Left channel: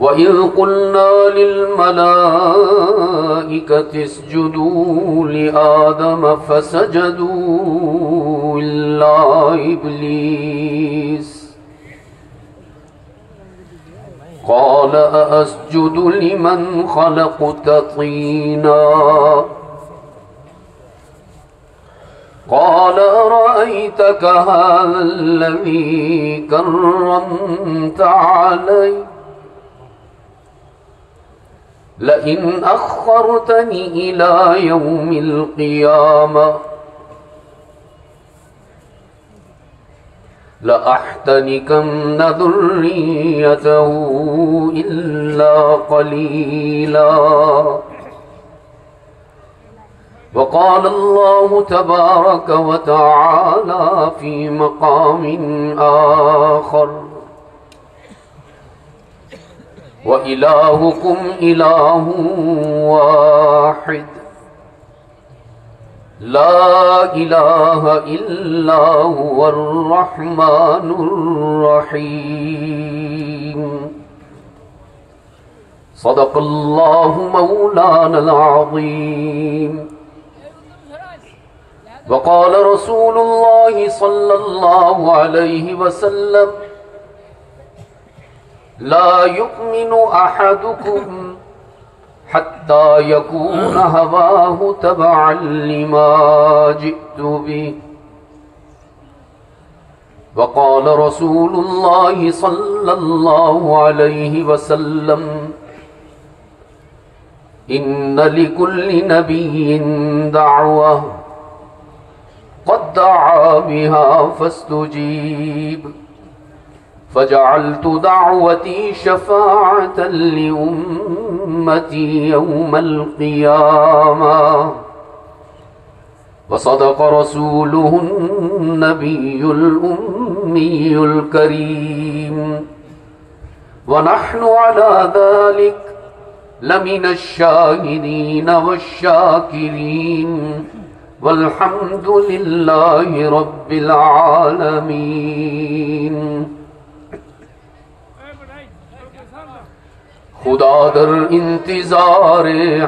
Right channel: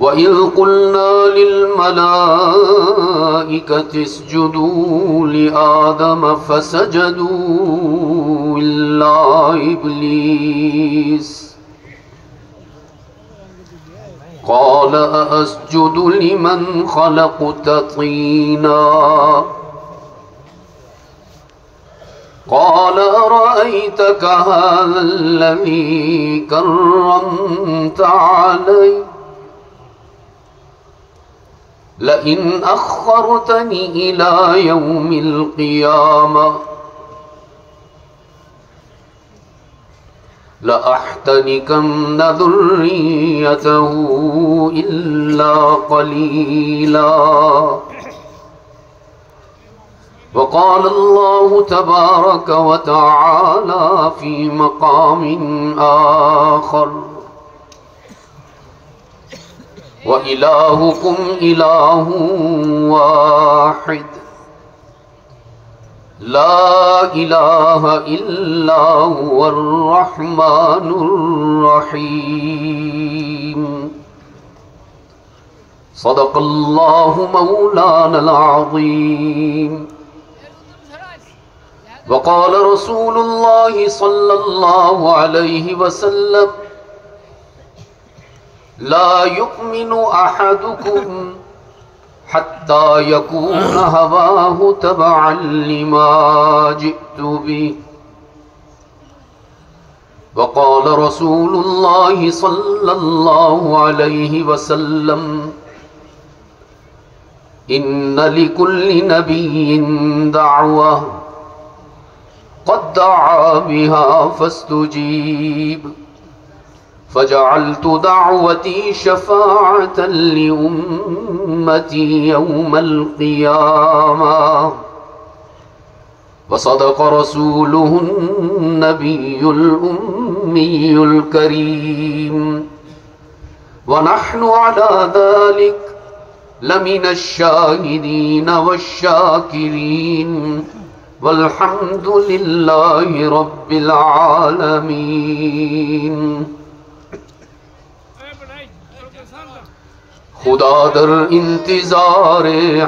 وَإِذْ قُلْنَا لِلْمَلَائِكَةِ اسْجُدُوا لِآدَمَ فَسَجَدُوا إِلَّا إِبْلِيسَ قَالَ أَأَسْجُدُ لِمَنْ خَلَقْتَ طِينًا قال أرأيتك هذا الذي كرمت علي لئن أخرتني إلى يوم القيامة لأحتنكن ذريته إلا قليلا وقال الله تبارك وتعالى في مقام آخر وإلهكم إله واحد لا إله إلا هو الرحمن الرحيم صدق الله مولانا العظيم وقال رسول الله صلى الله عليه وسلم لا يؤمن أحدكم حتى يكون هواه تبعا لما جئت به وقال رسول الله صلى الله عليه وسلم إن لكل نبي دعوة قد دعا بها فاستجيب فجعلت دعوتي شفاعة لأمتي يوم القيامة وصدق رسوله النبي الأمي الكريم ونحن على ذلك لمن الشاهدين والشاكرين والحمد لله رب العالمين خدا در انتظار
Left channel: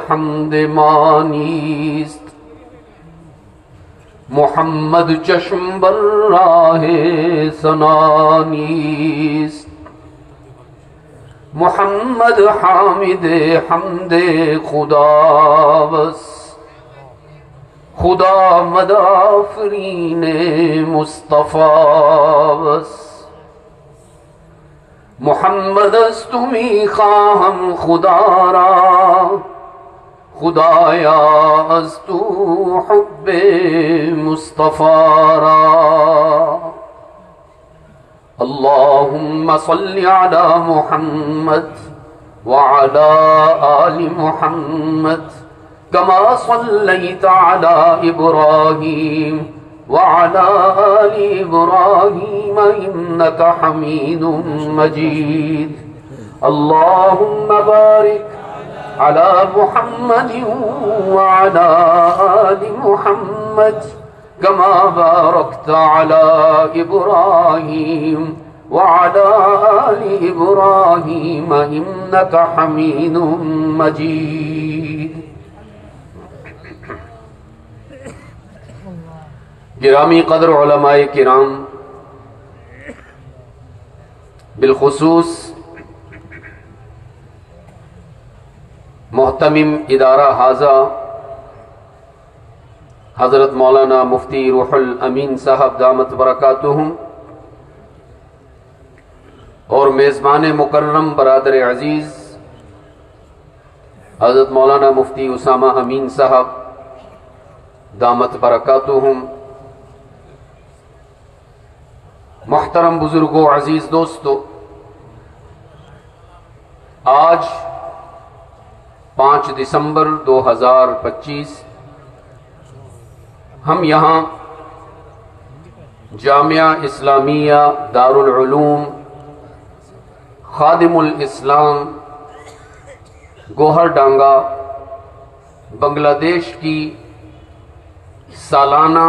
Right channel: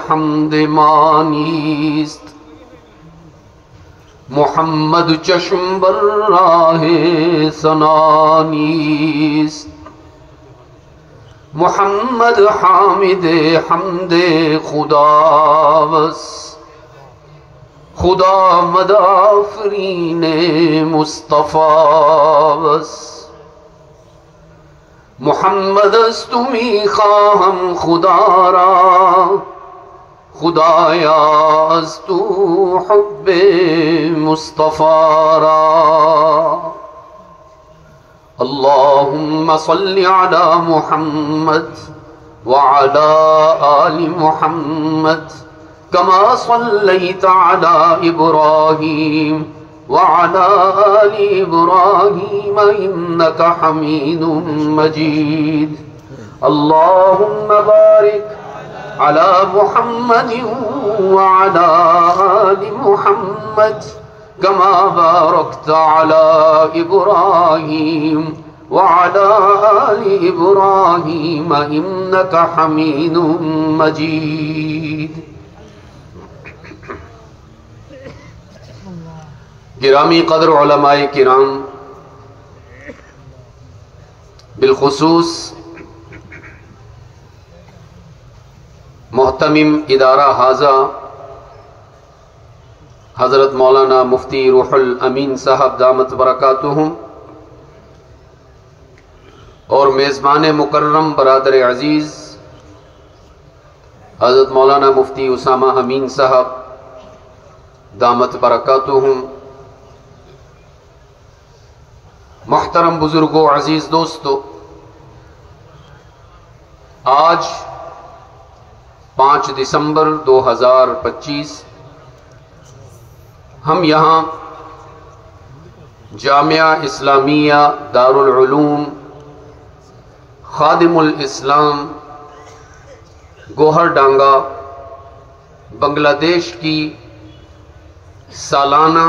حمد مانیست محمد چشم بر راہ سنانیست محمد حامد حمد خداوس خدا مدافرین مصطفیٰ محمد استمی خواہم خدا را خدایا استو حب مصطفیٰ را اللہم صل علی محمد وعلى آل محمد كما صليت على إبراهيم وعلى آل إبراهيم إنك حميد مجيد اللهم بارك على محمد وعلى آل محمد كما باركت على إبراهيم وعلى آل إبراهيم إنك حميد مجيد گرامی قدر علماء کرام بالخصوص محتمم ادارہ حاضہ حضرت مولانا مفتی روح الامین صاحب دامت برکاتہم اور میزبان مکرم برادر عزیز حضرت مولانا مفتی اسامہ امین صاحب دامت برکاتہم محترم بزرگوں عزیز دوستو آج 5 دسمبر 2025 ہم یہاں جامعہ اسلامیہ دارالعلوم خادم الاسلام گوہر ڈانگا بنگلہ دیش کی سالانہ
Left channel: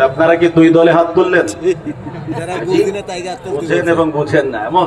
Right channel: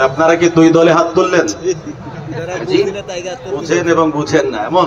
আপনারা কি দুই দলে হাত তুললেন? বুঝেন এবং বুঝেন না এমন?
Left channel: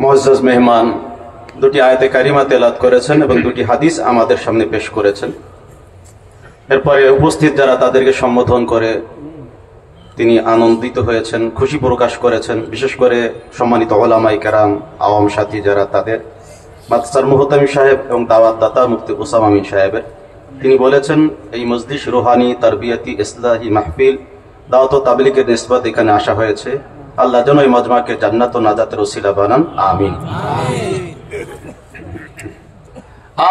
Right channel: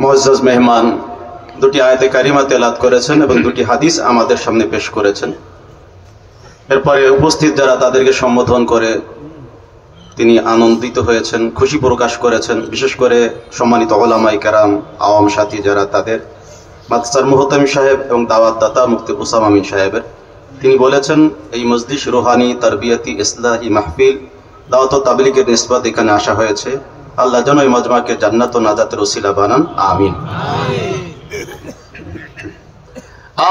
মুআজ্জাজ মেহমান দুটি আয়াতে কারিমা তেলাওয়াত করেছেন এবং দুটি হাদিস আমাদের সামনে পেশ করেছেন। এরপরে উপস্থিত যারা তাদেরকে সম্বোধন করে তিনি আনন্দিত হয়েছেন, খুশি প্রকাশ করেছেন। বিশেষ করে সম্মানিত উলামায়ে কেরাম, আওয়াম সাথী যারা, তাদের মাদ্রাসার মুহতামিম সাহেব এবং দাওয়াত দাতা মুফতি উসামা আমিন সাহেবের, তিনি বলেছেন এই মজলিস রুহানি, তারবিয়াতি, ইসলাহি মাহফিল, দাওয়াত ও তাবলীগের নিসবত এখানে আসা হয়েছে। আল্লাহ যেন এই মজমাকে জান্নাত ও নাজাতের ওসিলা বানান, আমিন।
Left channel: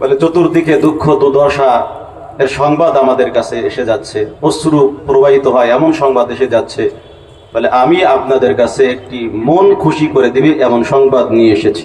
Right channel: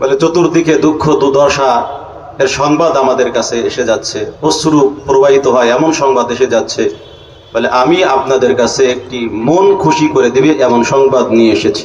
বলে চতুর্দিকে দুঃখ দুর্দশা এর সংবাদ আমাদের কাছে এসে যাচ্ছে, অশ্রু প্রবাহিত হয় এমন সংবাদ এসে যাচ্ছে। বলে আমি আপনাদের কাছে একটি মন খুশি করে দিবে এমন সংবাদ নিয়ে এসেছি।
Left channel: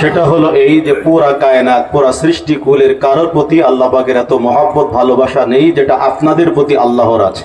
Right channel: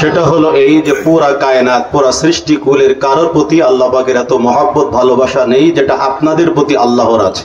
সেটা হলো এই যে পুরা কায়নাত, পুরা সৃষ্টি কুলের কারোর প্রতি আল্লাহ পাকের এত মহব্বত ভালোবাসা নেই যেটা আপনাদের প্রতি আল্লাহর আছে।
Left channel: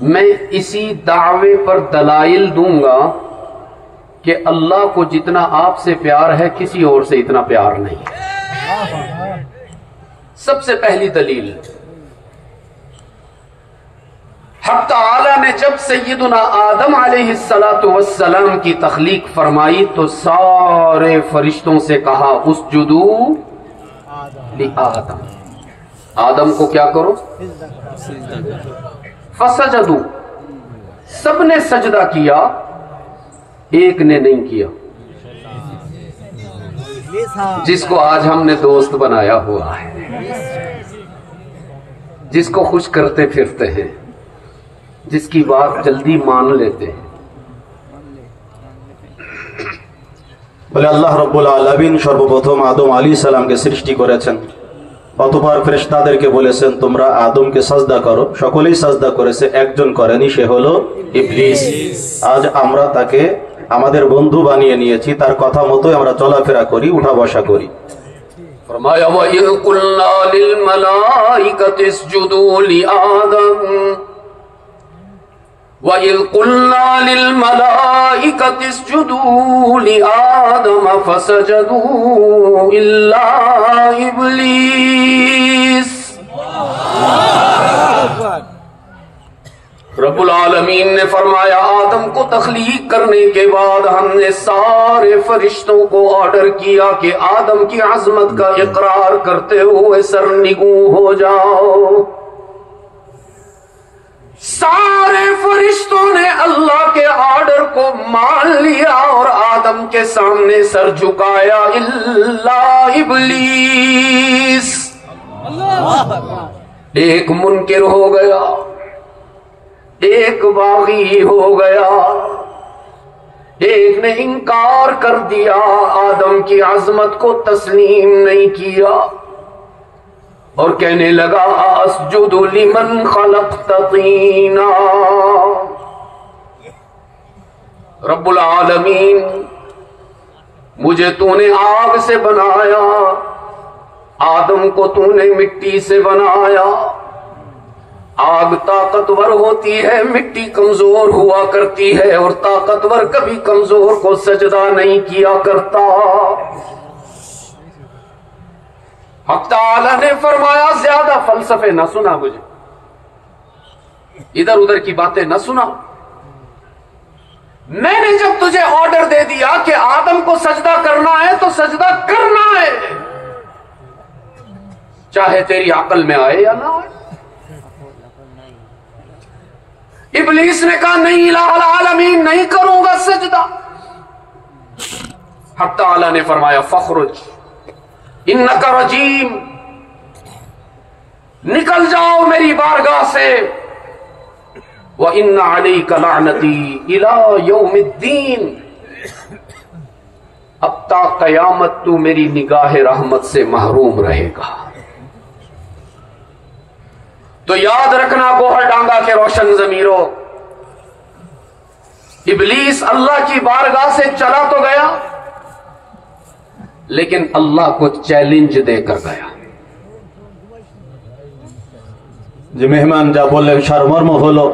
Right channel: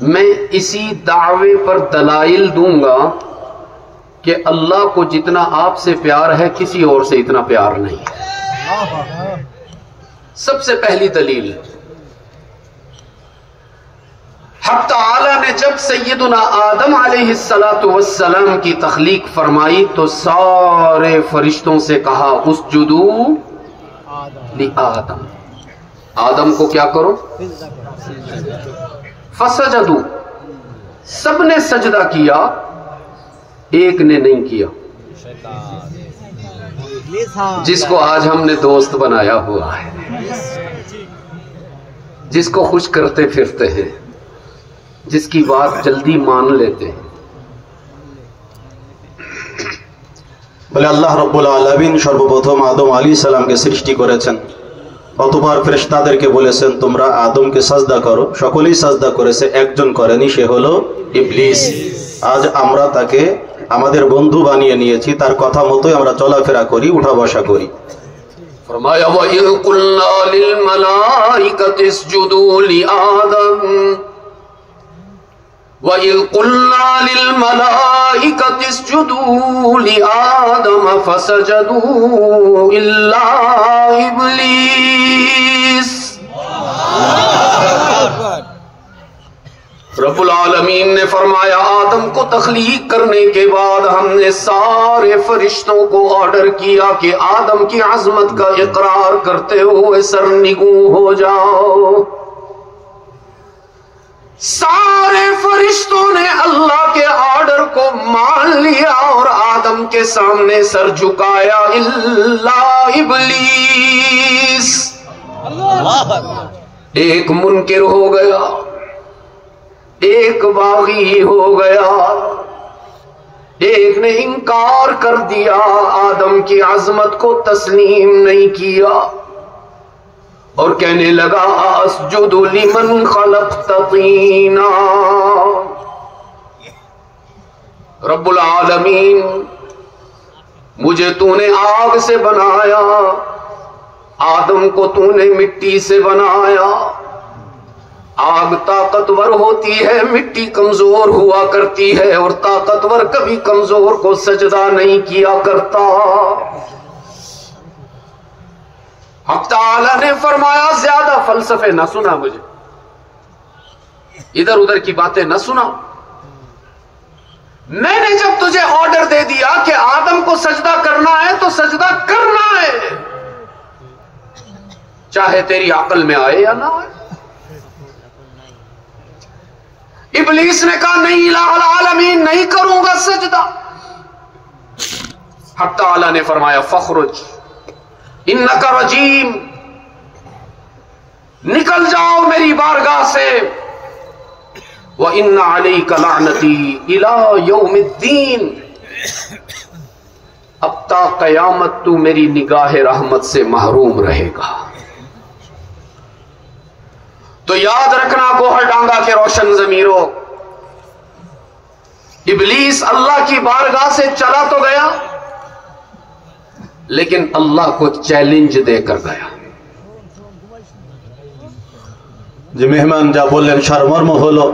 میں اسی دعوے پر دلائل دوں گا کہ اللہ کو جتنا آپ سے پیار ہے کسی اور سے اتنا پیار نہیں ہے. سب سے پہلی دلیل، حق تعالی نے جب سیدنا آدم علیہ السلام کی تخلیق فرمائی تو سارے فرشتوں سے کہا اسجدوا لآدم، آدم کو کیا کرو، فسجدوا، سب نے سجدہ کیا، ایک نے نہیں کیا، جس کو آج ہم نے دوست بنایا ہوا ہے، جس کو خوش کرتے پھرتے ہیں، جس کی بات جلدی مان لیتے ہیں. বলে আল্লাহ রব্বুল আলামিন সর্বপ্রথম আদম আলাইহিস সালামকে সৃষ্টি করেছেন, অতঃপর ফেরেশতাদেরকে বলেছেন তোমরা আদমকে সাজদা করো, সকলেই সাজদা করেছে, একজন করেনি, সে হলো ইবলিস. আজ আমরা তাকে আমাদের বন্ধু বানিয়ে নিয়েছি, তার কথা মতোই আমরা চলাফেরা করি, উঠা বসা করি. فرمایا وَإِذْ قُلْنَا لِلْمَلَائِكَةِ اسْجُدُوا لِآدَمَ وَإِذْ قُلْنَا لِلْمَلَائِكَةِ اسْجُدُوا لِآدَمَ فَسَجَدُوا إِلَّا إِبْلِيسَ. رب العالمین نے فرمایا آدم کو تخلیق کرنے کے بعد ہم نے سارے فرشتوں کو آرڈر کیا کہ آدم کی عظمت کا اقرار کرتے ہوئے سرنگوں ہو جاؤ. سارے فرشتوں نے اللہ کے آرڈر کو مان لیا اور آدم کے سامنے سر جھکایا الا ابلیس. ایک منکر ہو گیا، ایک باغی ہو گیا، ایک نے انکار کر دیا، آدم کی عظمت کو تسلیم نہیں کیا اور کہنے لگا اسجد لمن خلقت طینا. رب العالمین مجھے تو نے آگ سے بنایا، آدم کو تو نے مٹی سے بنایا. آگ طاقتور ہوتی ہے، مٹی کمزور ہوا کرتی ہے، اور طاقتور کبھی کمزور کو سجدہ نہیں کیا کرتا. حق تعالی نے فرمایا زیادہ فلسفے نہ سنا، مجھے ادھر ادھر کی باتیں نہ سنا. میں نے جب تجھے آرڈر دے دیا کہ آدم کو سجدہ کرنا ہے تو سجدہ کرنا ہے، چاہے تیری عقل میں آئے یا نہ آئے. ابلیس نے کہا نہیں الہ العالمین، نہیں کروں گا سجدہ. حق تعالی نے فرمایا فخرج انک رجیم، نکل جاؤ میری بارگاہ سے. وَإِنَّ عَلَيْكَ لَعْنَتِي إِلَى يَوْمِ الدِّينِ، اب تا قیامت تو میری نگاہ رحمت سے محروم رہے گا. تو یاد رکھنا گوہر ڈانگا کے روشن ضمیروں، ابلیس اللہ کی بارگاہ سے چلا تو گیا لیکن اللہ کو چیلنج دے کر گیا. যে মেহমান যা বললেন সারমর্ম হলো,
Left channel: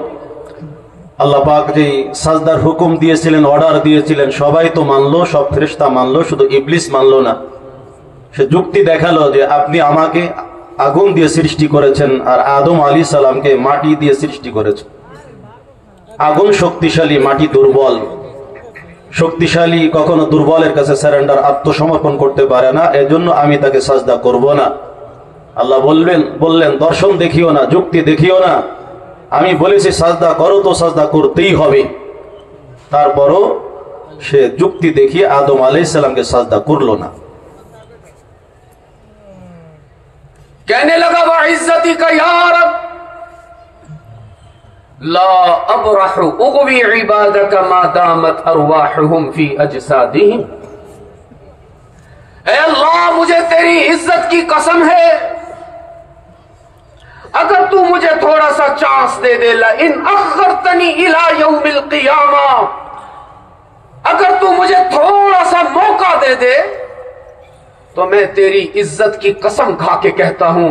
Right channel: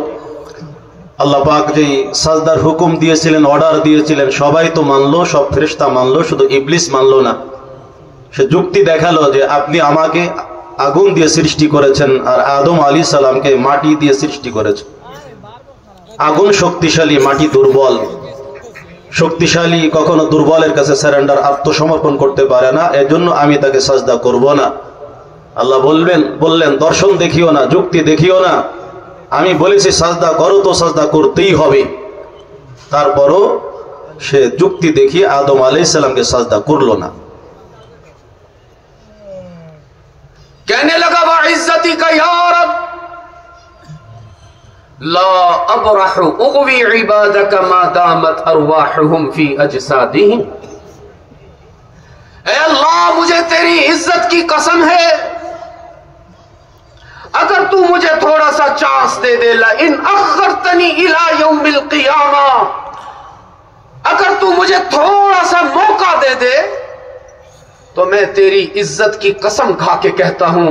আল্লাহ পাক যে সাজদার হুকুম দিয়েছিলেন, অর্ডার দিয়েছিলেন, সবাই তো মানলো, সব ফেরেশতা মানলো, শুধু ইবলিস মানলো না. সে যুক্তি দেখালো যে আপনি আমাকে আগুন দিয়ে সৃষ্টি করেছেন আর আদম আলাইহিস সালামকে মাটি দিয়ে সৃষ্টি করেছেন। আগুন শক্তিশালী, মাটি দুর্বল। শক্তিশালী কখনো দুর্বলের কাছে সারেন্ডার, আত্মসমর্পণ করতে পারে না, এজন্য আমি তাকে সাজদা করব না। আল্লাহ বললেন দর্শন দেখিও না, যুক্তি দেখিও না, আমি বলেছি সাজদা করো তো সাজদা করতেই হবে। তারপরও সে যুক্তি দেখিয়ে আদম আলাইহিস সালামকে সাজদা করলো না। کہنے لگا وعزتی کا یا رب لا ابرح اغوی عبادک ما دامت ارواحهم فی اجسادهم. اے اللہ مجھے تیری عزت کی قسم ہے، اگر تو مجھے تھوڑا سا چانس دے دے، لئن اخرتنی الى یوم القیامہ، اگر تو مجھے تھوڑا سا موقع دے دے تو میں تیری عزت کی قسم کھا کے کہتا ہوں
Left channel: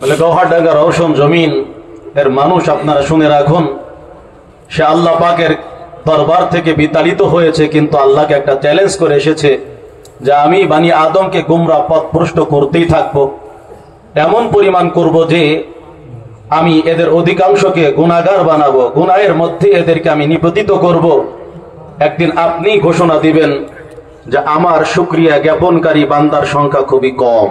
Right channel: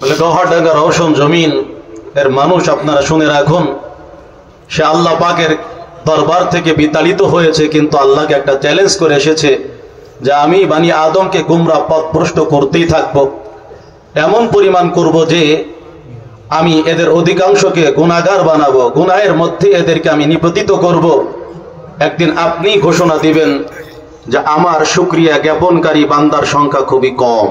বলে গৌহারডাঙ্গা রওশন জমিন এর মানুষ আপনারা শুনে রাখুন, সে আল্লাহ পাকের দরবার থেকে বিতাড়িত হয়েছে, কিন্তু আল্লাহকে একটা চ্যালেঞ্জ করে এসেছে যে আমি বানি আদমকে গুমরাহ পথভ্রষ্ট করতেই থাকবো, এমন পরিমাণ করব যে আমি এদের অধিকাংশকে গুনাহগার বানাবো, গুনাহের মধ্যে এদেরকে আমি নিপতিত করব। একদিন আপনি ঘোষণা দিবেন যে আমার শুকরিয়া জ্ঞাপনকারী বান্দার সংখ্যা খুবই কম।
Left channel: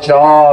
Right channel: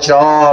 4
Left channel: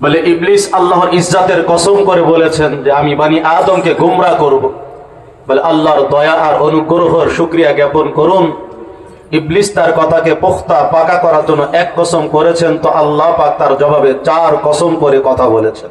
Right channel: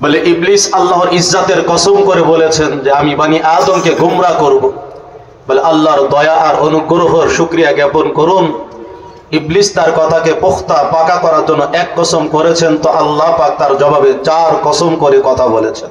বলে ইবলিস আল্লাহর ইজ্জতের কসম করে বলেছেন যে আমি বানি আদমকে গোমরাহ করব। বলে আল্লাহর দয়া আর অনুগ্রহের শুকরিয়া জ্ঞাপন করুন। ইবলিস তার কথাকে পুখতা পাকা করার জন্য এক কসম করেছেন, তো আল্লাহ পাক তার জবাবে 4 কসম করে কথা বলেছেন।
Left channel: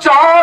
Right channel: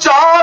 4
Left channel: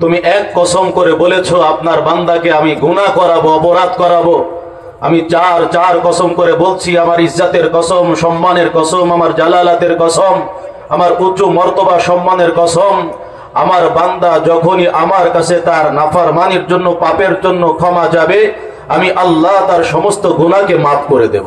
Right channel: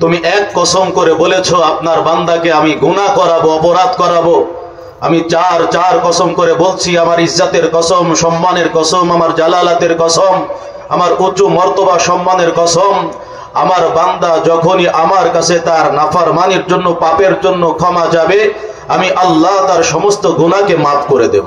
তুমি এক কসম করে বলেছো আপনার বান্দাকে আমি গুনাহ করাবো, অপরাধ করাবো। আমি 4 কসম করে বলছি, আমার ইজ্জতের কসম, সম্মানের কসম, আমার জালালাতের কসম, আমার উচ্চ মর্তবা সম্মানের কসম, আমার বান্দা যখনই আমার কাছে তার নাফরমানির জন্য, পাপের জন্য ক্ষমা যাবে, আমি আল্লাহ তার সমস্ত গুনাহকে মাফ করে দেব।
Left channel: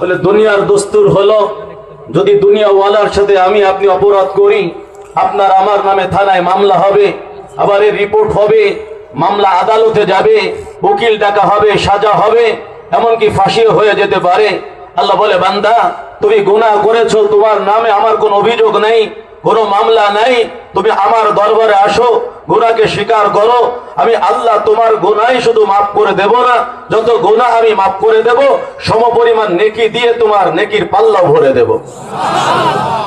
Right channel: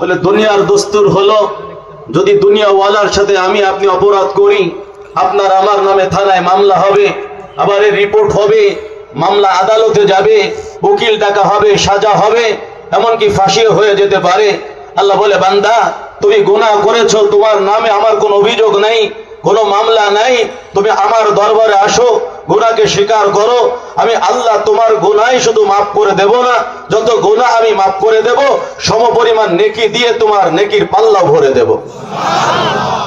বলে দুনিয়ার দস্তুর হলো যদি দুনিয়াওয়ালার সাথে আমি আপনি অপরাধ করি, আপনার আমার নামে থানায় মামলা হবে, আবার রিপোর্ট হবে, মামলা আদালতে যাবে, উকিল ডাকা হবে, সাজা হবে, এমনকি ফাঁসিও হয়ে যেতে পারে। আল্লাহ বলে বান্দা তুমি গুনাহ করেছো, তোমার নামে আমার কোনো অভিযোগ নাই, কোনো মামলা নাই, তুমি আমার দরবারে আসো, গুনাহকে স্বীকার করো, আমি আল্লাহ তোমার গুনাহ শুধু মাফ করে দেব না, যত গুনাহ আমি মাফ করে দেব সমপরিমাণ নেকি দিয়ে তোমার নেকির পাল্লা ভরে দেব।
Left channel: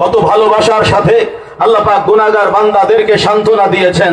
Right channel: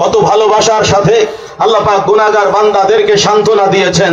কত ভালোবাসার সাথে আল্লাহ পাক গুনাহগার বান্দাদেরকে সান্ত্বনা দিয়েছেন।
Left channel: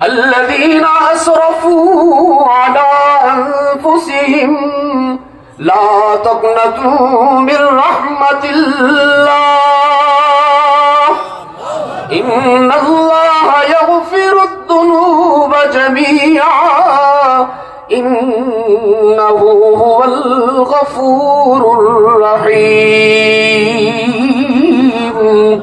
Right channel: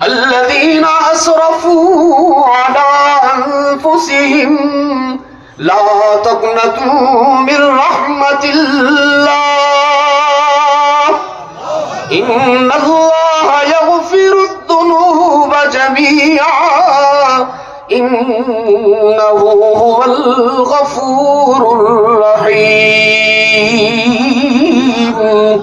الذين اسرفوا على انفسهم لا تقنطوا من رحمة الله ان الله يغفر الذنوب جميعا انه هو الغفور الرحيم।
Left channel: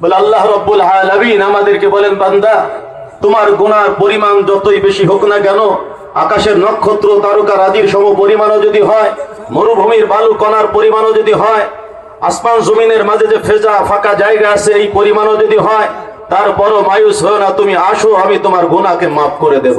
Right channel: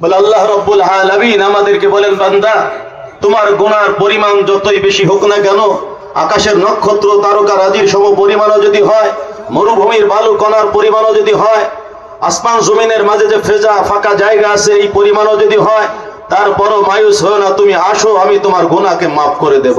বলে আল্লাহ রব্বুল আলামিন আমাদেরকে বলেন বান্দা তোমার গুনার পরিমাণ যতই বেশি হোক না কেন, আকাশের নক্ষত্র তারকা রাজির সম পরিমাণও যদি হয়, মরুভূমির বালু কণার পরিমাণও যদি হয়, আসমান জমিনের মাঝে যে ফেজা ফাঁকা জায়গা আছে এই পরিমাণও যদি হয়, তারপরও মায়ুস হয় না, তুমি আসো আমি তোমার গুনাহকে মাফ করে দেব।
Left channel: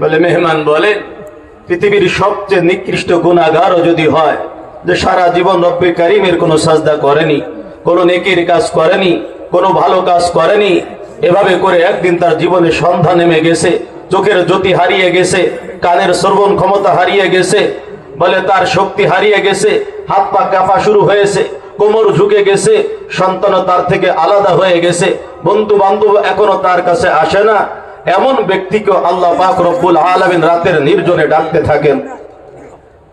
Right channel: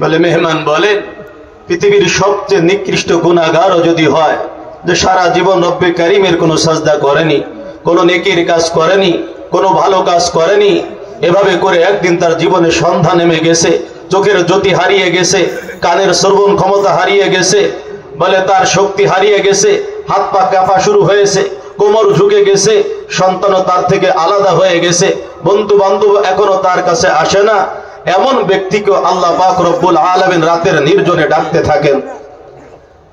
বলে মেহমান বলেন পৃথিবীর সবচেয়ে নিকৃষ্ট গুনাহগারও যদি হয়, যে সারা জীবন রব্বে কারীমের কোনো সাজদা করেনি, কোনো নেকির কাজ করেনি, কোনো ভালো কাজ করেনি, এভাবে করে একদিন তার জীবনে সন্ধ্যা নেমে গেছে, চোখের জ্যোতি হারিয়ে গেছে, কানের শ্রবণ ক্ষমতা হারিয়ে গেছে, বলে তার শক্তি হারিয়ে গেছে, হাত পা কাঁপা শুরু হয়েছে, কোমর ঝুঁকে গেছে, সন্তান তার থেকে আলাদা হয়ে গেছে, বন্ধু বান্ধব এখনো তার কাছে আসে না, এমন ব্যক্তিকে আল্লাহ পাক রব্বুল আলামিন রাতের নির্জনে ডাকতে থাকেন।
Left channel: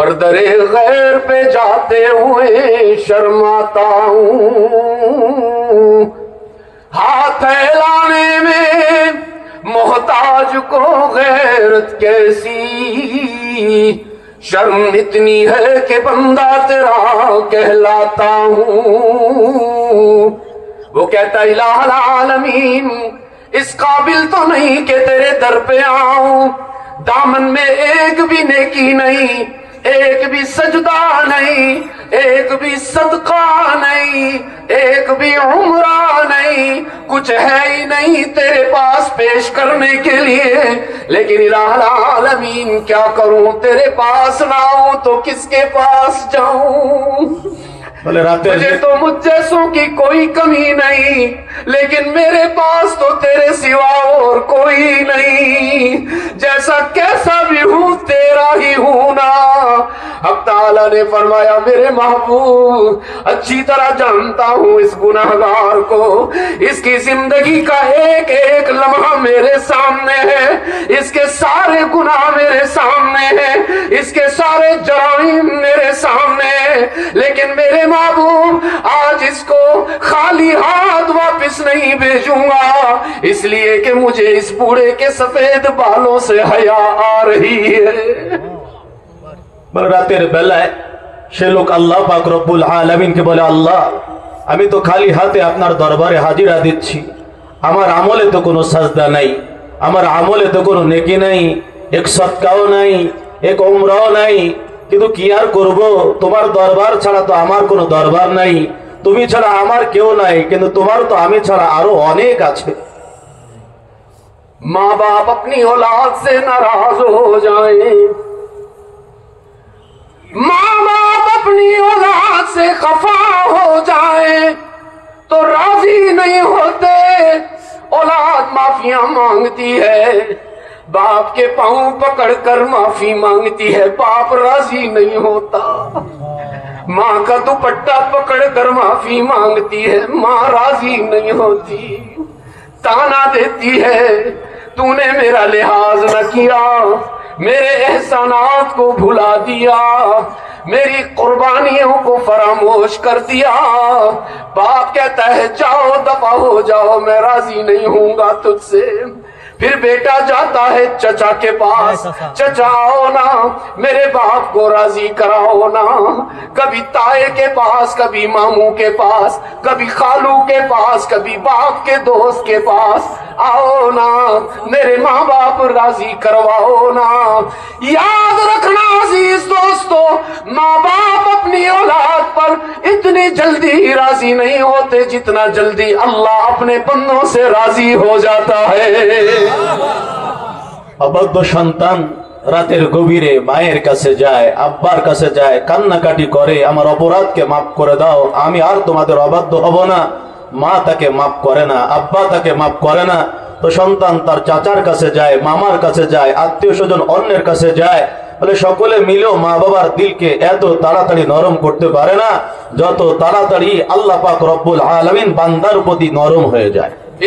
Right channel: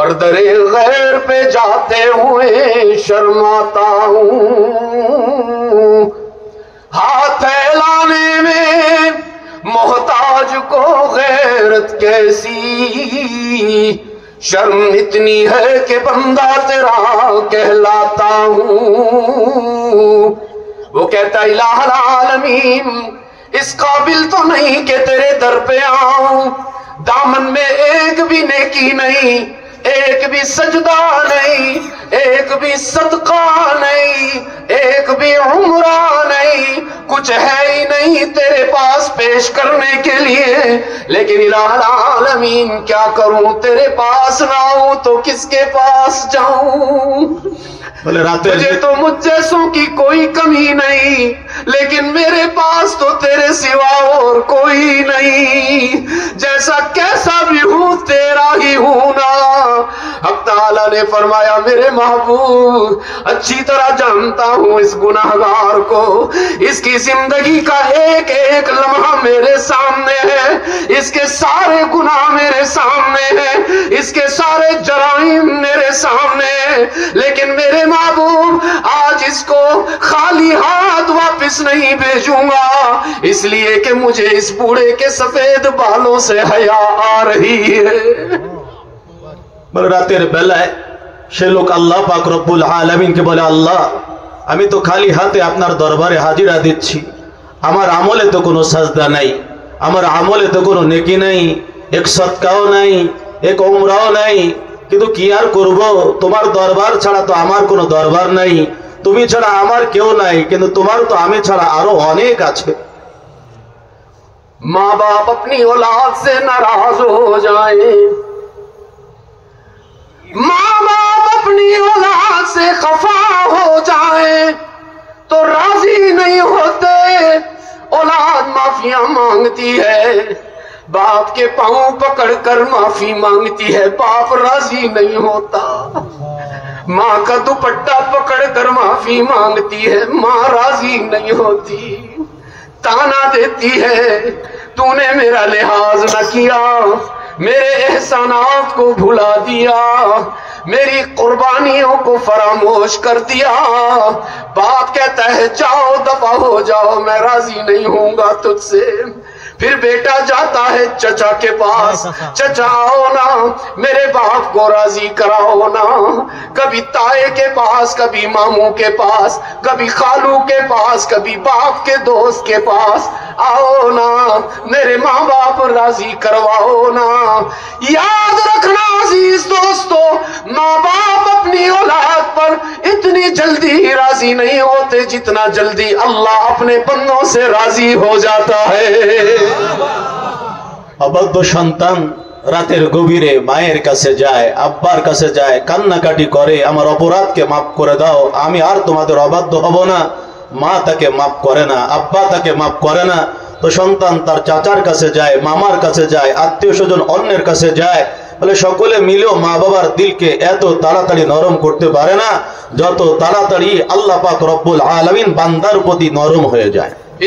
پر درے غیر پہ جاتے ہوئے شرماتا ہوں، ہاتھ پھیلانے میں محتاج کو غیرت کیسی، شرم اتنی ہے کہ بندہ تیرا کہلاتا ہوں۔ وہ کہتا الہ العالمین اس قابل تو نہیں کہ تیرے در پہ آؤں، دامن میں ایک بھی نیکی نہیں، ایک بھی سجدہ نہیں، ایک بھی صدقہ نہیں، ایک بھی عمرہ نہیں، کچھ ہے ہی نہیں تیرے پاس پیش کرنے کے لیے، لیکن الہ العالمین کیا کروں، تیرے پاس نہ ہوں تو کس کے پاس جاؤں؟ مجھے تو مجھ جیسوں کی کوئی کمی نہیں، لیکن میرے پاس تو تیرے سوا اور کوئی نہیں، جیسا کیسا بھی ہوں تیرا ہی ہوں نا۔ حق تعالیٰ نے فرمایا میرے محبوب اچھی طرح جانتا ہوں اس گناہگار کو، اس کی زندگی کا ایک ایک لمحہ میرے سامنے ہے، اس کے سارے گناہ میرے سامنے ہیں، اس کے سارے جرائم میرے سامنے ہیں، لیکن میرے محبوب آج اس کو خالی ہاتھ واپس نہیں بھیجوں گا، اس لیے کہ مجھے اس بوڑھے کے سفید بالوں سے حیا آ رہی ہے۔ বলে রাতের বেলায় সে লোক আল্লাহ পাক রব্বুল আলামিনকে বলে, আল্লাহ আমি তো খালি হাতে আপনার দরবারে হাজিরা দিচ্ছি, আমার আমলে তো কোনো সাজদা নাই, আমার আমলে তো কোনো নেকি নাই, এক সদকাও নাই, এক উমরাও নাই, কিন্তু কি আর করব, তোমার দরবার ছাড়া তো আমার কোনো দরবার নাই, তুমি ছাড়া আমার কেউ নাই, কিন্তু তোমার তো আমি ছাড়া আরো অনেক আছে। ماں باپ اپنی اولاد سے ناراض ہو جائیں، ماں باپ اپنی اولاد سے خفا ہو جائیں تو راضی نہیں ہوتے، اولاد معافیاں مانگتی ہے، باپ کے پاؤں پکڑ کر معافی مانگتی ہے، باپ راضی نہیں ہوتا، ماں کا دوپٹہ پکڑ کر معافی مانگتی ہے، ماں راضی نہیں ہوتی، تانا دیتی ہے تو نے میرا لحاظ نہ کیا، میرے احسانات کو بھلا دیا، میری قربانیوں کو فراموش کر دیا۔ باپ کہتا ہے جاؤ دفع ہو جاؤ، میں راضی نہیں ہوں گا تجھ سے۔ پھر بیٹا جاتا ہے چچا کے پاس، چچا آؤ نا میرے باپ کو راضی کراؤ نا، کبھی تائے کے پاس، کبھی ماموں کے پاس، کبھی خالو کے پاس، کبھی باپ کے دوست کے پاس، آؤ نا میرے ماں باپ راضی کرواؤ نا۔ یاد رکھنا عزیز دوستو، ماں باپ اپنی اولاد پر اتنی جلدی راضی نہیں ہوتے جتنا جلدی اللہ اپنے بندوں سے راضی ہو جاتا ہے۔ অবাধ্য সন্তান রাতের গভীরে মায়ের কাছে যায়, আব্বার কাছে যায়, কান্নাকাটি করে, আমার অপরাধকে মাফ করে দাও, আমি আর তোমাদের অবাধ্য হব না। মা তাকে মাফ করে না, আব্বা তাকে মাফ করে না, তো সন্তান তার চাচার কাছে যায়, মামার কাছে যায়, আত্মীয় স্বজন অন্যের কাছে যায়, বলে সকলে মিলেও মা বাবার দিলকে এত তাড়াতাড়ি নরম করতে পারে না যত তাড়াতাড়ি আল্লাহ পাক রব্বুল আলামিন বান্দার প্রতি নরম হয়ে যায়।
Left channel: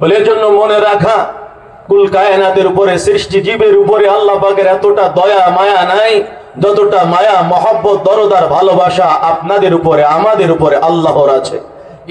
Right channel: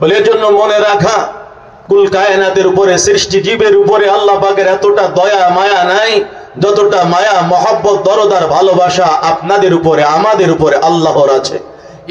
বলে জন্য মনে রাখা কুল কায়নাতের উপরে সৃষ্টি জীবের উপরে আল্লাহ পাকের এতটা দয়া মায়া নাই যতটা মায়া মোহব্বত দরদ আর ভালোবাসা আপনাদের উপরে আমাদের উপরে আল্লাহর আছে।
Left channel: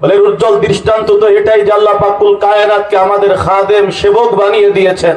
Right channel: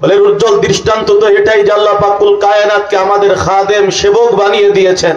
বলে উজ্জ্বল দৃষ্টান্ত তো এটাই যে আল্লাহ পাক কুল কায়নাতকে আমাদের খাদেম সেবক বানিয়ে দিয়েছেন।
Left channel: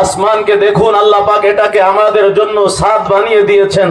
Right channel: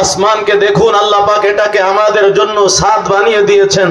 আসমানকে দেখুন, আল্লাহ পাক এটাকে আমাদের জন্য ছাদ বানিয়ে দিয়েছেন।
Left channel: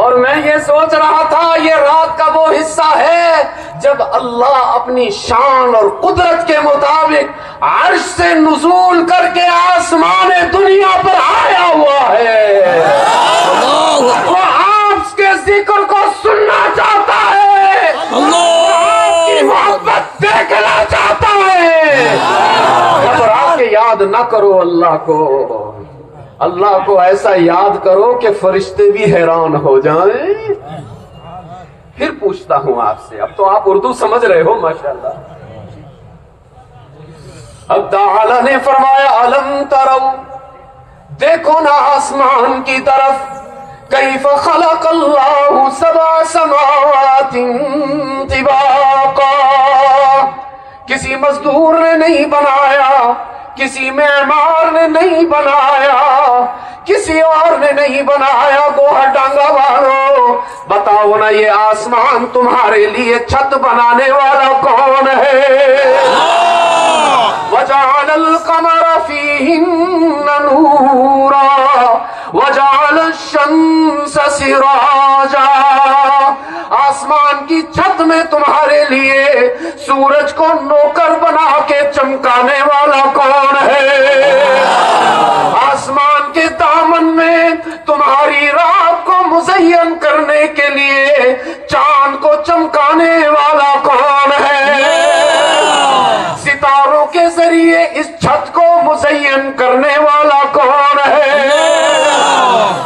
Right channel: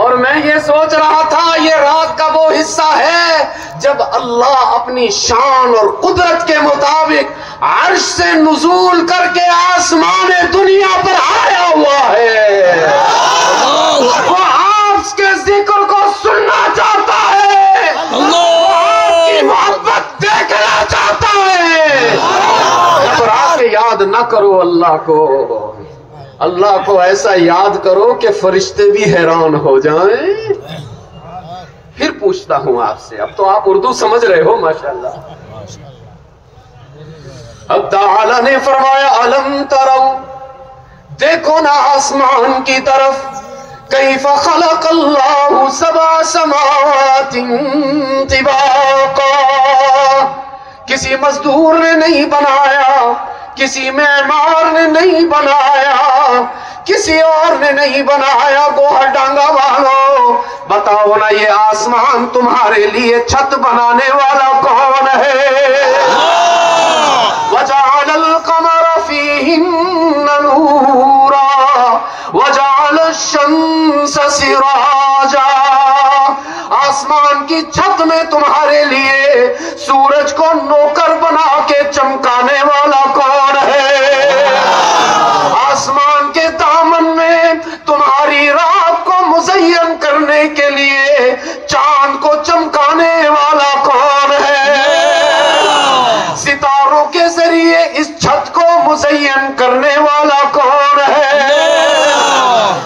اور میں یہ سوچ رہا تھا یہ رات کا وہ حصہ ہے جب اللہ اپنی شان اور قدرت کے مطابق عرش سے نزول کر کے آسمان دنیا پر آیا ہوا ہے. وہ آپ کے ذکر کو سننا چاہتا ہے, آپ کی محبت دیکھنا چاہتا ہے. جب رات کے یاد نہ کرو اللہ کو ایسا یاد کرو کہ فرشتے بھی حیران ہو جائیں. پھر پوچھتا ہوں آپ سے, اب تو آپ اردو سمجھ رہے ہو ماشاءاللہ. اب تعالی نے فرمایا الم ترو, دیکھو نا آسمان کی طرف, کیف خلق اللہ سبع سماوات طباقا, کسی مزدور نے نہیں بنایا, کسی معمار نے نہیں بنایا, کسی اور نے نہیں بنایا. گوہر ڈانگا والو بتاؤ نا یہ آسمان تمہارے لیے چھت بنانے والا کون ہے؟ وجعل القمر فیہن نورا وجعل الشمس سراجا, آسمان کی چھت میں تمہارے لیے سورج کو نوکر بنا کے چمکانے والا کون ہے؟ آسمان کے دامن میں تمہاری رات کو مزین کرنے کے لیے چاند کو چمکانے والا کون ہے؟ ستاروں کے ذریعے اس چھت کو مزین کرنے والا کون ہے؟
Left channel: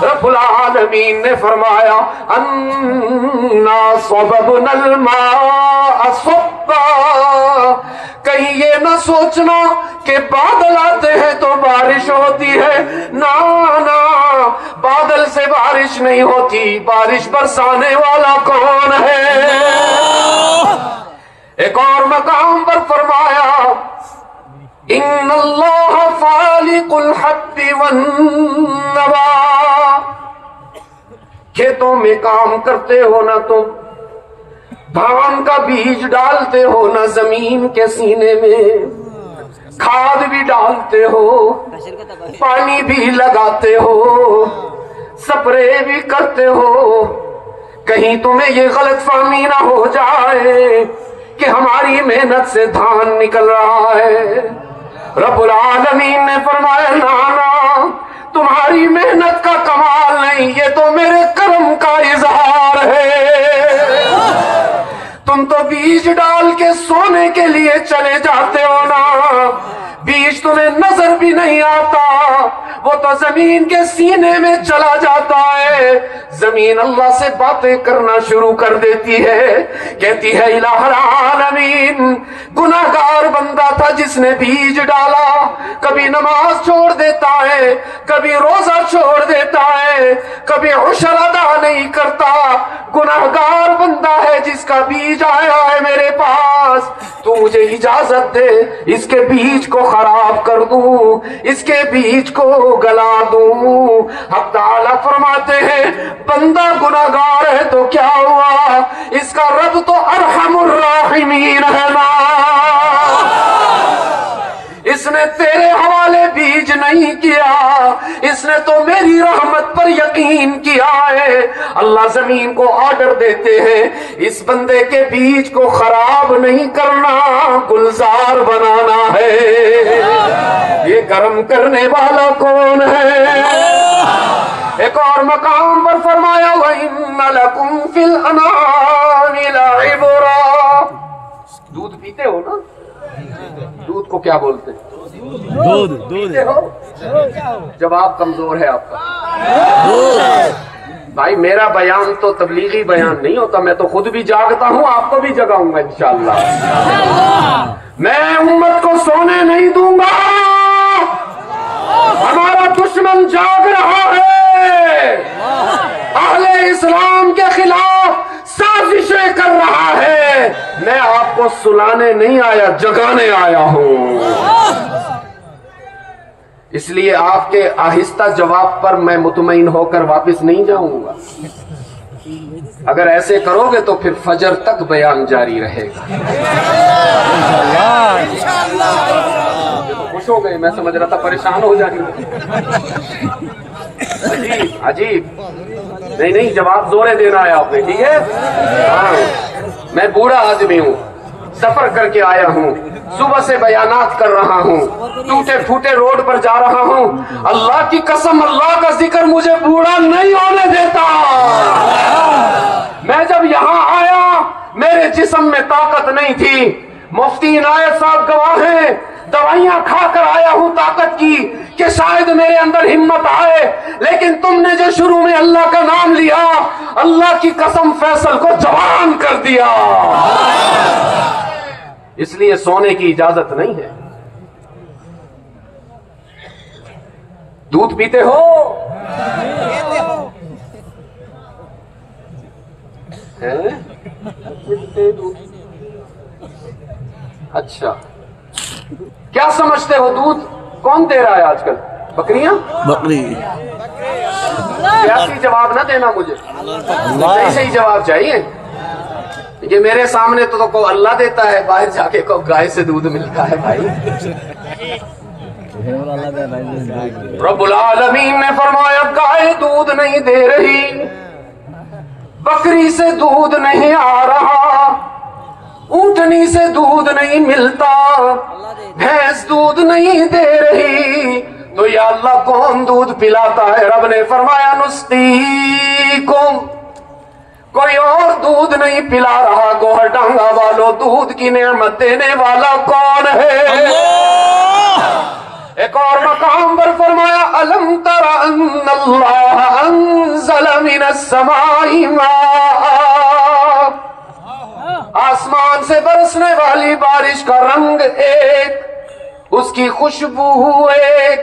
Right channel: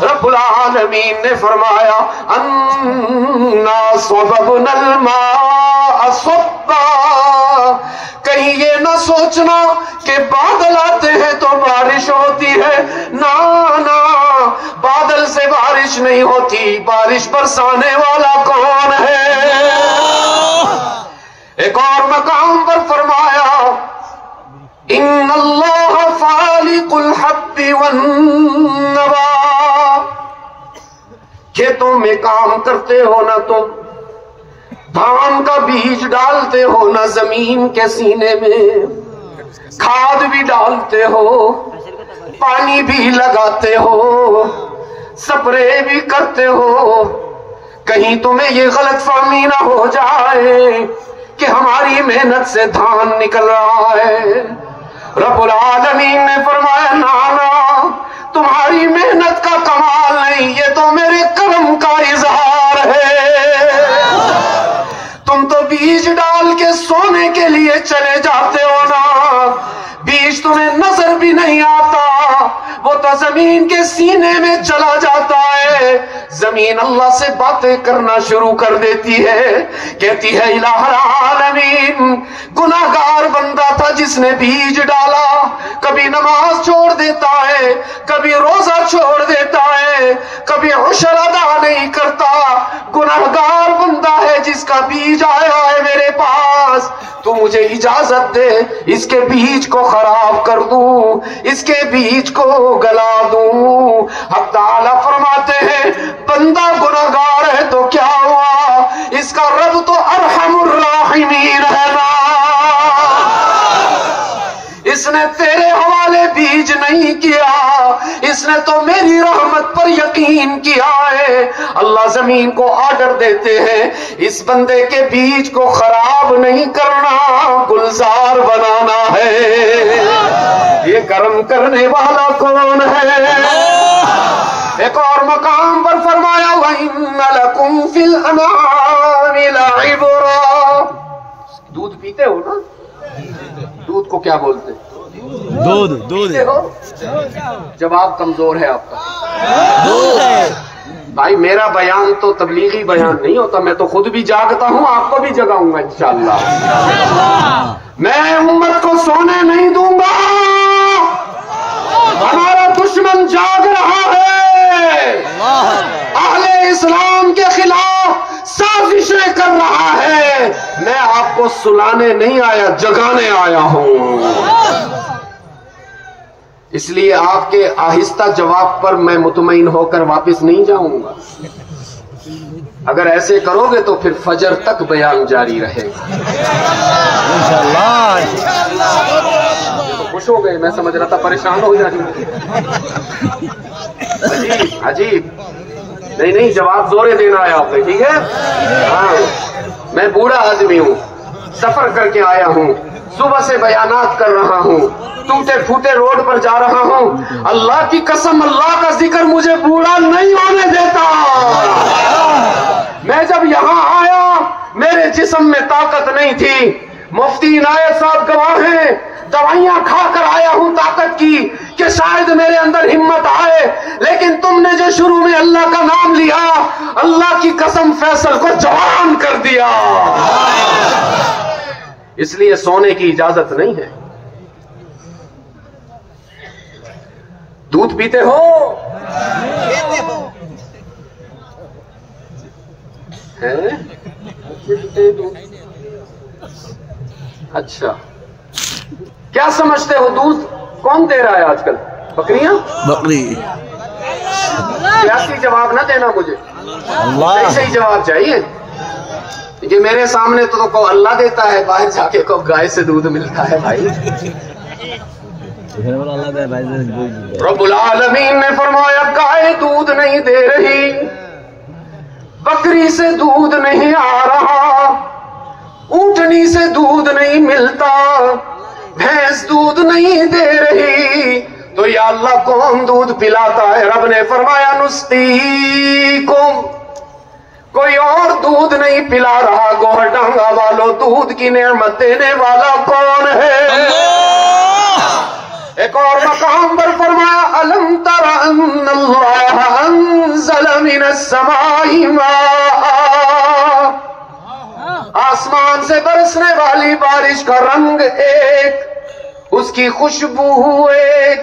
رب العالمین نے فرمایا انا صببنا الماء صبا, کہیں یہ نہ سوچنا کہ بادل آتے ہیں تو بارش ہوتی ہے. نا بادل سے بارش نہیں ہوتی, بارش برسانے والا کون ہے؟ ایک اور مقام پر فرمایا ان اللہ فالق الحب والنوا, کھیتوں میں کام کرتے ہو نا تم, دھان کا بیج ڈالتے ہو نا زمین کے سینے میں, کھاد بھی ڈالتے ہو, پانی بھی لگاتے ہو, سپرے بھی کرتے ہو, کہیں تمہیں یہ غلط فہمی نہ ہو جائے کہ ہماری محنت سے دھان نکل رہا ہے. رب العالمین نے فرمایا نا تمہاری محنت کا کمال نہیں, یہ تو میرے کرم کا اظہار ہے. تم تو بیج ڈال کے سونے کے لیے چلے جاتے ہو نا, بیج تمہیں نظر بھی نہیں آتا, وہ تو زمین کے سینے میں چلا جاتا ہے. زمین اللہ سے باتیں کرنا شروع کر دیتی ہے, کہتی ہے الہ العالمین گناہگار بندہ تھا جس نے بیج ڈالا, کبھی نماز چھوڑ دیتا ہے, کبھی روزہ چھوڑ دیتا ہے, کبھی عشر ادا نہیں کرتا. گناہگار بندہ ہے جس کا بیج آیا ہے میرے پاس, تو مجھے اجازت دے اس کے بیج کو خراب کر دوں, اس کے بیج کو گلا دوں. حق تعالی فرماتے ہیں بندہ گناہگار ہے تو کیا ہوا, اس کا رب تو ارحم الراحمین ہے نا, اس نے تیرے حوالے بیج نہیں کیا, اس نے تو میری رحمت پر یقین کیا ہے. اللہ زمین کو آرڈر دیتے ہیں اس بندے کے بیج کو خراب نہیں کرنا, گلزار بنانا ہے. یہ کرم کرنے والا کون ہے؟ ایک اور مقام پر فرمایا وَإِنَّ لَكُمْ فِي الْأَنْعَامِ لَعِبْرَةً, دودھ پیتے ہو نا, دودھ کو کیا بولتے ہیں؟ دودھ ہو. جواب کمزور ہے آپ کا. بھائی میرا بیان تو تبلیغی بیان نہیں ہوتا, میں تو خود بھی جاگتا ہوں, آپ کو بھی جگاؤں گا انشاءاللہ. میں امت کو سونے نہیں دوں گا, ہمارا دشمن جاگ رہا ہے, اہل اسلام کے خلاف سازشیں کر رہا ہے. میں آپ کو سلانے نہیں آیا, جگانے آیا ہوں. اس لیے آپ کے آہستہ جواب پر میں مطمئن ہو کر واپس نہیں جاؤں گا. اگر ایسے کرو گے تو پھر فجر تک بیان جاری رہے گا. تو خوش ہو گئے, میں سمجھ رہا تھا پریشان ہو جائیں گے. عجیب. نہیں نہیں جواب زورے دینا ہے آپ نے, ٹھیک ہے. ہاں میں بوڑھا آدمی ہوں, سفر کر کے آیا ہوں, صبح سے بیانات کر رہا ہوں, ٹوٹے پھوٹے روڈ پر جا رہا ہوں. اللہ کی قسم اللہ کا ذکر مجھے بوڑھا نہیں ہونے دیتا. میں جب یہاں آیا میرے جسم میں طاقت نہیں تھی. مفتی عنایت صاحب گواہ ہیں, دوائیاں کھا کر آیا ہوں طاقت کی کہ شاید میرے اندر ہمت آئے, لیکن تم نے جو شروع میں اللہ کا نام لیا, اللہ کی قسم فیصل کو جوان کر دیا. اس لیے سونے کی اجازت نہیں ہے. دودھ پیتے ہو؟ اچھا, کیا سمجھتے ہو دودھ کون دے رہا ہے آج کل؟ بکریاں؟ بکری. سیاسی جواب نہ دینا مجھے, صحیح جواب چاہیے. یہ میرے سامنے تو اللہ دیتا ہے, باہر جا کے کو گائے سے دودھ ملتا ہے. بھائی رب العالمین نے فرمایا گائے دودھ نہیں دے رہی, بکری سے دودھ نہیں آ رہا, اونٹنی سے دودھ نہیں ملتا, بھینس دودھ نہیں دے رہی, تو یا اللہ کون دودھ پلاتا ہے؟ رب نے فرمایا نسقیکم, کوئی اور دودھ نہیں پلا رہا. گوہر ڈانگا والو, دودھ کی نعمت دینے والا کون ہے؟ ایک اور مقام پر فرمایا الم تر ان اللہ انزل من السماء ماء, آسمان سے برسنے والی بارش کا رنگ ایک, اس کی خوشبو ایک,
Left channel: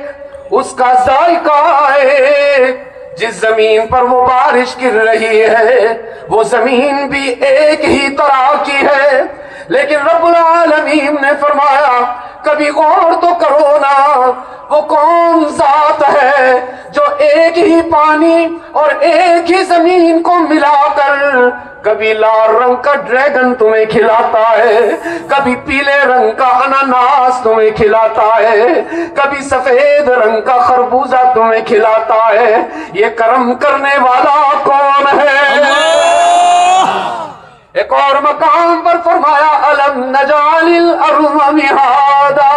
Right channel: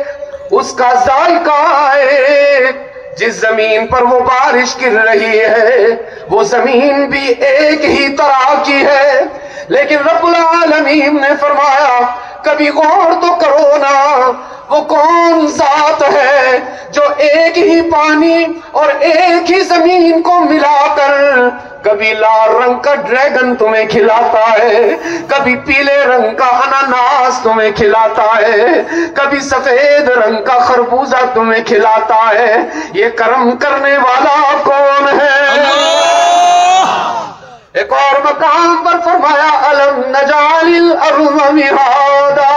اس کا ذائقہ ایک. جس زمین پر وہ بارش گر رہی ہے وہ زمین بھی ایک ہی طرح کی ہے, لیکن رب العالمین نے فرمایا کبھی غور تو کرو نا, وہ کون ذات ہے جو ایک ہی پانی اور ایک ہی زمین کو ملا کر کبھی لال رنگ کا ڈریگن تمہیں کھلاتا ہے, کبھی پیلے رنگ کا اناناس تمہیں کھلاتا ہے, کبھی سفید رنگ کا خربوزہ تمہیں کھلاتا ہے. یہ کرم کرنے والا کون ہے؟ ایک اور مقام پر فرمایا الم نجعل الارض مہادا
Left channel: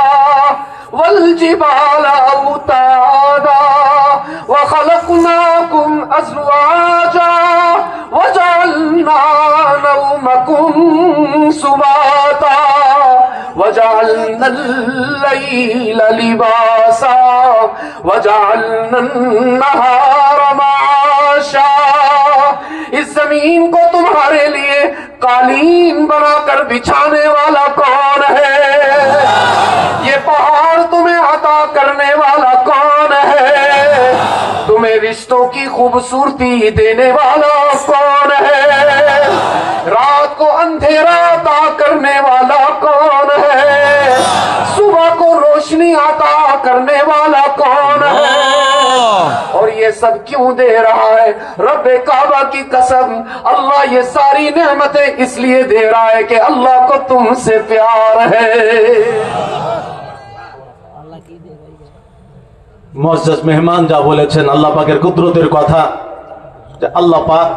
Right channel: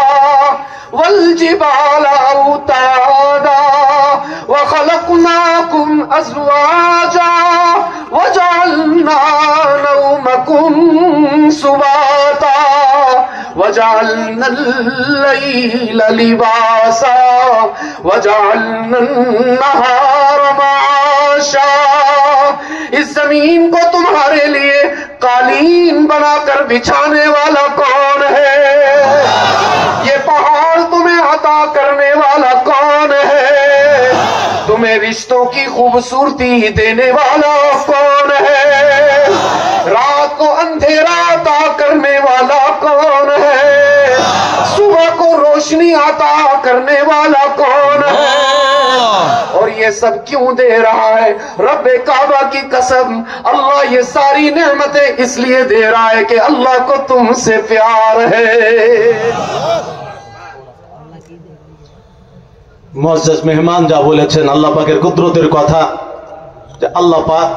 والجبال اوتادا وخلقناكم ازواجا وجعلنا نومكم سباتا وجعلنا الليل لباسا وجعلنا النهار معاشا. اس زمین کو تمہارے لیے قالین بنا کر بچھانے والا کون ہے؟ یہ پہاڑ تمہیں عطا کرنے والا کون ہے؟ تمہیں رشتوں کی خوبصورتی دینے والا کون ہے؟ رات کو اندھیرا عطا کرنے والا کون ہے؟ صبح کو روشنی عطا کرنے والا کون ہے؟ اور یہ سب کیوں دے رہا ہے؟ رب کعبہ کی قسم اللہ یہ ساری نعمتیں اس لیے دے رہا ہے کہ اللہ کو تم سے پیار ہے. মুআজ্জাজ মেহমান যা বলেছেন আল্লাহ পাকের কুদরতের কথা, যে আল্লাহ পাক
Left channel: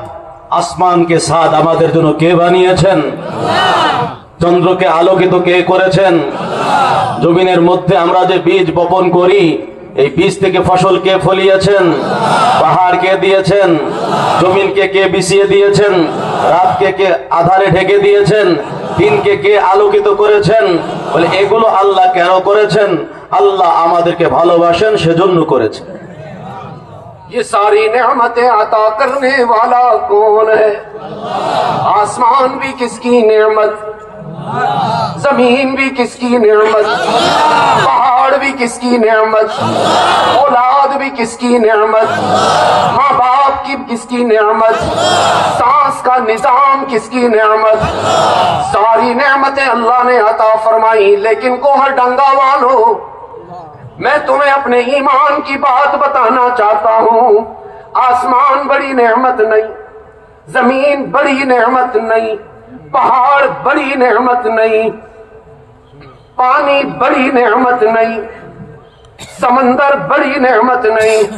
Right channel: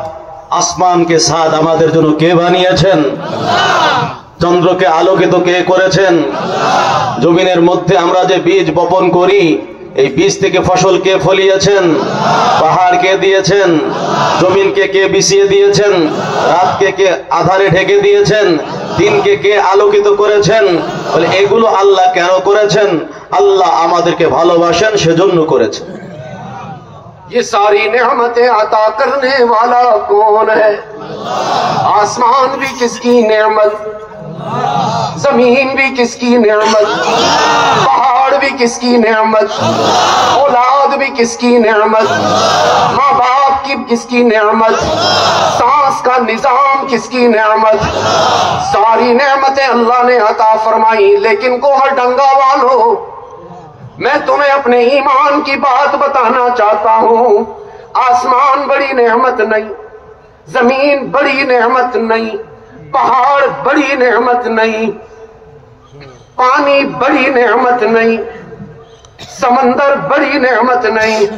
আসমানকে সাদ আমাদের জন্য কে বানিয়েছেন? চন্দ্রকে আলোকিত কে করেছেন? জমিনের মধ্যে আমরা যে বীজ বপন করি এই বীজ থেকে ফসল কে ফলিয়েছেন? পাহাড় কে দিয়েছেন? জমিনকে কে বিছিয়ে দিয়েছেন? রাতকে কে আধারে ঢেকে দিয়েছেন? দিনকে কে আলোকিত করেছেন? বলে এগুলো আল্লাহ কেন করেছেন? আল্লাহ আমাদেরকে ভালোবাসেন সেজন্য করেছেন. یہ ساری نعمتیں عطا کرنے والا کون ہے؟ آسمان بھی کس کی نعمت, زمین بھی کس کی نعمت, پہاڑ بھی کس کی نعمت, اولاد بھی کس کی نعمت, ماں باپ کی کس کی نعمت, سانس کا نظام کس کی نعمت. ساری نعمتیں اللہ نے عطا فرمائی, لیکن کوہر ڈنگا والو میں تمہیں اپنے ایمان کی بات بتانا چاہتا ہوں. آسمان بڑی نعمت نہیں, زمین بڑی نعمت نہیں, پہاڑ بڑی نعمت نہیں, پانی بڑی نعمت نہیں, سمندر بڑی نعمت نہیں,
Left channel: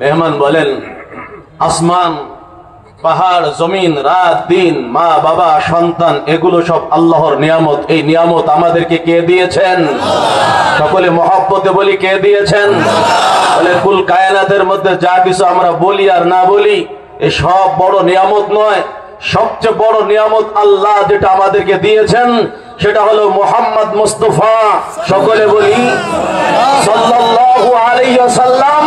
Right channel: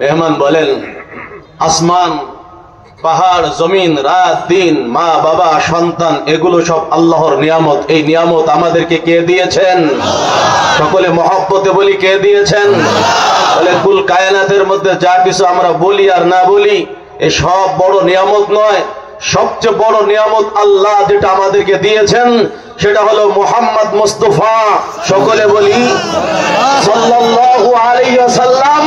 মেহমান বলেন আসমান পাহাড় জমিন রাত দিন মা বাবা সন্তান এগুলো সব আল্লাহর নিয়ামত। এই নিয়ামত আমাদেরকে কে দিয়েছেন? সকলে মহব্বতে বলি কে দিয়েছেন? বলে কুল কায়নাতের মধ্যে যা কিছু আমরা বলি আর না বলি এ সব বড় নিয়ামত নয়। সবচেয়ে বড় নিয়ামত আল্লাহ যেটা আমাদেরকে দিয়েছেন সেটা হলো মুহাম্মদ মুস্তাফা। সকলে বলি সাল্লাল্লাহু আলাইহি ওয়াসাল্লাম।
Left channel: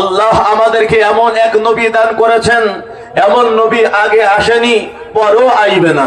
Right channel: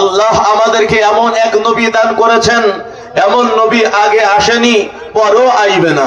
আল্লাহ আমাদেরকে এমন এক নবী দান করেছেন, এমন নবী আগে আসেনি পরও আইবে না।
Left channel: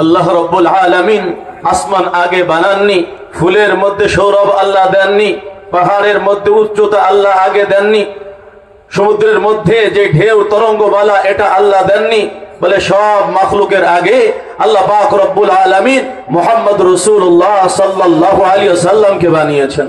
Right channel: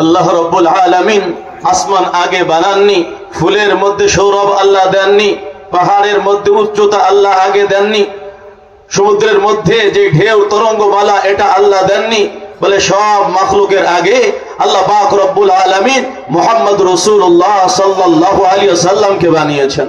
আল্লাহ রব্বুল আলামিন আসমান আগে বানাননি, ফুলের মধ্যে সৌরভ আল্লাহ দেননি, পাহাড়ের মধ্যে উচ্চতা আল্লাহ আগে দেননি, সমুদ্রের মধ্যে যে ঢেউ তরঙ্গমালা এটা আল্লাহ দেননি। বলে সব মাখলুকের আগে আল্লাহ পাক রব্বুল আলামিন মুহাম্মদ রাসূলুল্লাহ সাল্লাল্লাহু আলাইহি ওয়াসাল্লামকে বানিয়েছেন।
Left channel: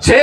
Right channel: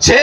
6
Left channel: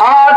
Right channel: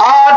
8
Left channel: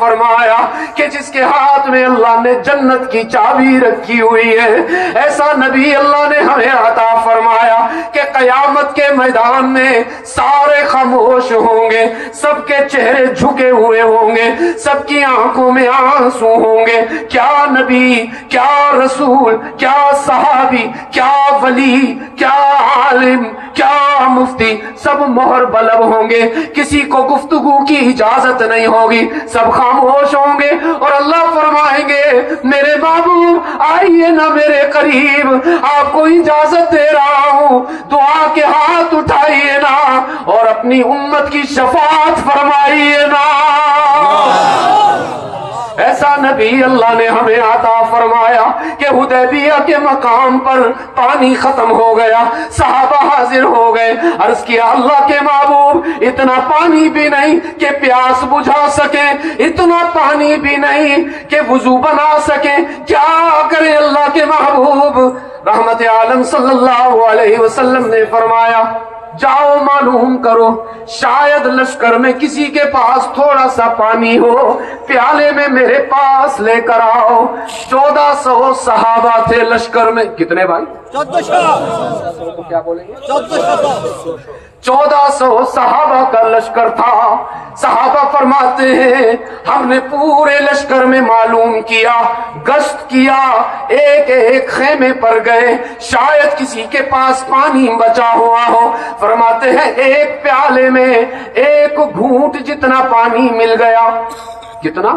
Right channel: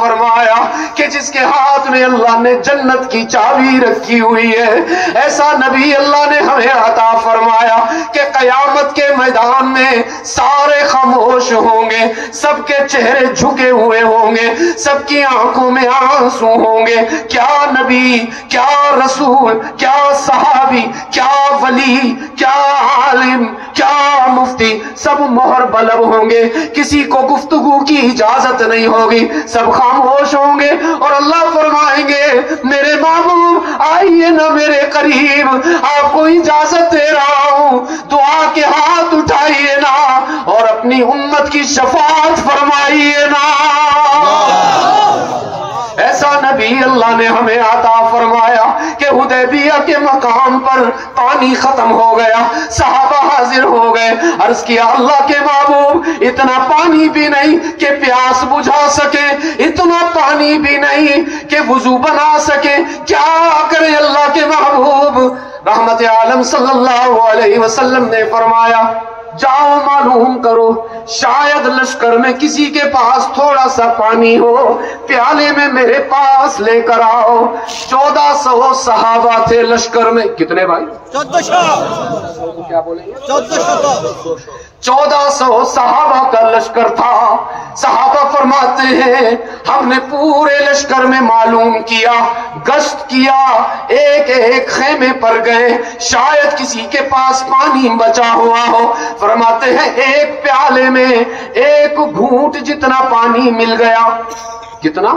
فرمایا کہ جس کے ہاتھ میں اللہ نے جنت کی چابی رکھی ہوئی ہے. ایسا نبی اللہ نے ہمیں عطا فرمایا کہ قیامت کے میدان میں سارے خاموش ہوں گے, سب کے چہرے جھکے ہوئے ہوں گے, سب کی آنکھوں میں آنسو ہوں گے. کیا نبی, کیا رسول, کیا صحابی, کیا ولی, کیا عالم, کیا مفتی, سب مہر بلب ہوں گے. کسی کو گفتگو کی اجازت نہیں ہوگی, سب خاموش ہوں گے. اور اللہ فرمائیں گے میرے محبوب آئیے نا میرے قریب, آپ کو اجازت دے رہا ہوں, دعا کے ہاتھ اٹھائیے نا اور اپنی امت کی شفاعت فرمائیے نا. ایسا نبی اللہ نے ہمیں عطا فرمایا کہ حدیبیہ کے مقام پر پانی ختم ہو گیا, صحابہ حاضر ہو گئے. عرض کیا اللہ کے محبوب اتنا پانی بھی نہیں کہ پیاس بجھا سکے, اتنا پانی بھی نہیں کہ وضو بنا سکے, کیا کرے اللہ کے محبوب؟ رحمت عالم صلی اللہ علیہ وسلم نے فرمایا جاؤ معلوم کرو, شاید لشکر میں کسی کے پاس تھوڑا سا پانی ہو, پیالے میں میرے پاس لے کر آؤ. 1400 صحابہ تھے لشکر میں. کتنے بھائی؟ 1400. کیا بولیں گے؟ 1400 صحابہ کا لشکر تھا. صحابہ فرماتے ہیں ہم نے پورے لشکر میں معلوم کیا, گشت کیا, ایک ایک خیمے پر گئے, شاید کسی کے پاس پانی بچا ہوا ہو. فرماتے ہیں ایک پیالے میں ایک گھونٹ جتنا پانی مل گیا. کتنا؟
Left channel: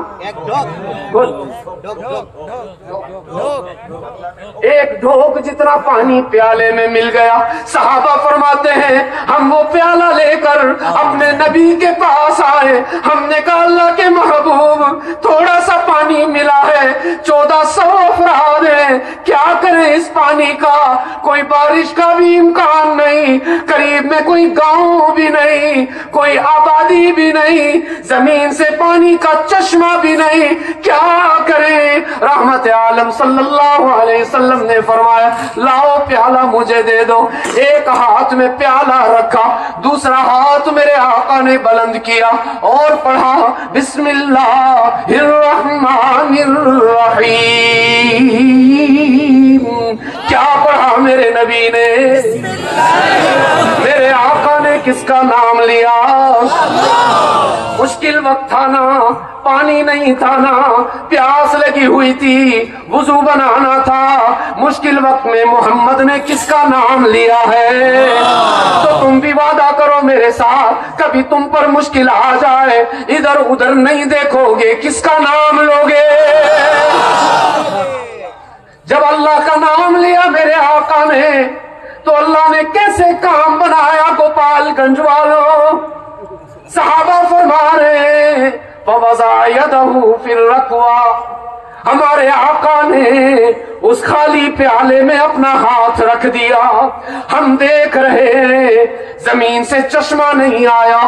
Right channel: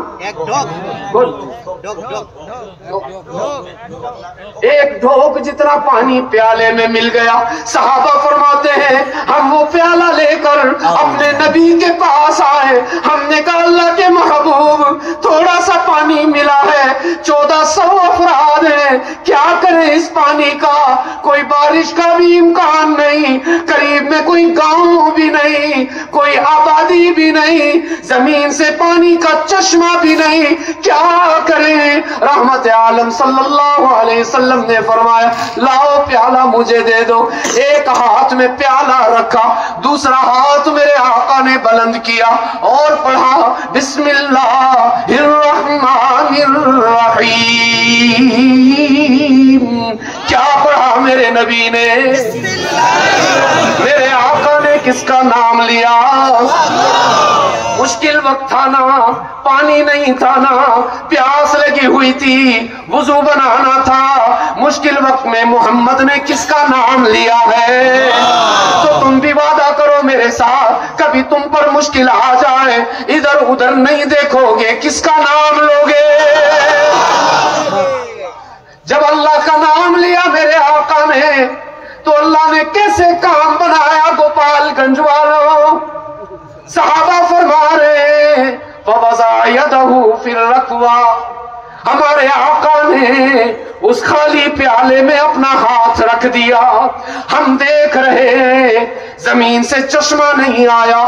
ایک ڈھوک جتنا پانی پیالے میں مل گیا. صحابہ فرماتے ہیں ہم وہ پیالہ لے کر اپنے نبی کے پاس آئے. ہم نے کہا اللہ کے محبوب تھوڑا سا پانی ملا ہے, 1400 افراد ہیں, کیا کریں اس پانی کا؟ کوئی بارش کا بھی امکان نہیں, قریب میں کوئی گاؤں بھی نہیں, کوئی آبادی بھی نہیں, زمین سے پانی کا چشمہ بھی نہیں, کیا کریں؟ رحمت عالم صلی اللہ علیہ وسلم نے فرمایا لاؤ پیالہ مجھے دے دو. ایک ہاتھ میں پیالہ رکھا, دوسرا ہاتھ میرے آقا نے بلند کیا اور پڑھا بسم اللہ الرحمن الرحیم. کیا پڑھا میرے نبی نے؟ میرے آقا نے کس کا نام لیا؟ مشکل وقت تھا نا, پانی نہیں تھا نا, پیاس لگی ہوئی تھی, وضو بنانا تھا. مشکل وقت میں محمد نے کس کا نام لیا ہے؟ تو تم بھی وعدہ کرو میرے ساتھ, کبھی تم پر مشکل آ جائے ادھر ادھر نہیں دیکھو گے, کس کا نام لوگے؟ جب اللہ کا نام لیا میرے آقا نے تو اللہ نے کیسے کام بنایا گوپال گنج والوں. صحابہ فرما رہے ہیں فَوَضَعَ يَدَهُ فِي الرَّكْوَى, ہمارے آقا نے اس خالی پیالے میں اپنا ہاتھ رکھ دیا. ہم دیکھ رہے ہیں زمین سے چشمہ نہیں آیا,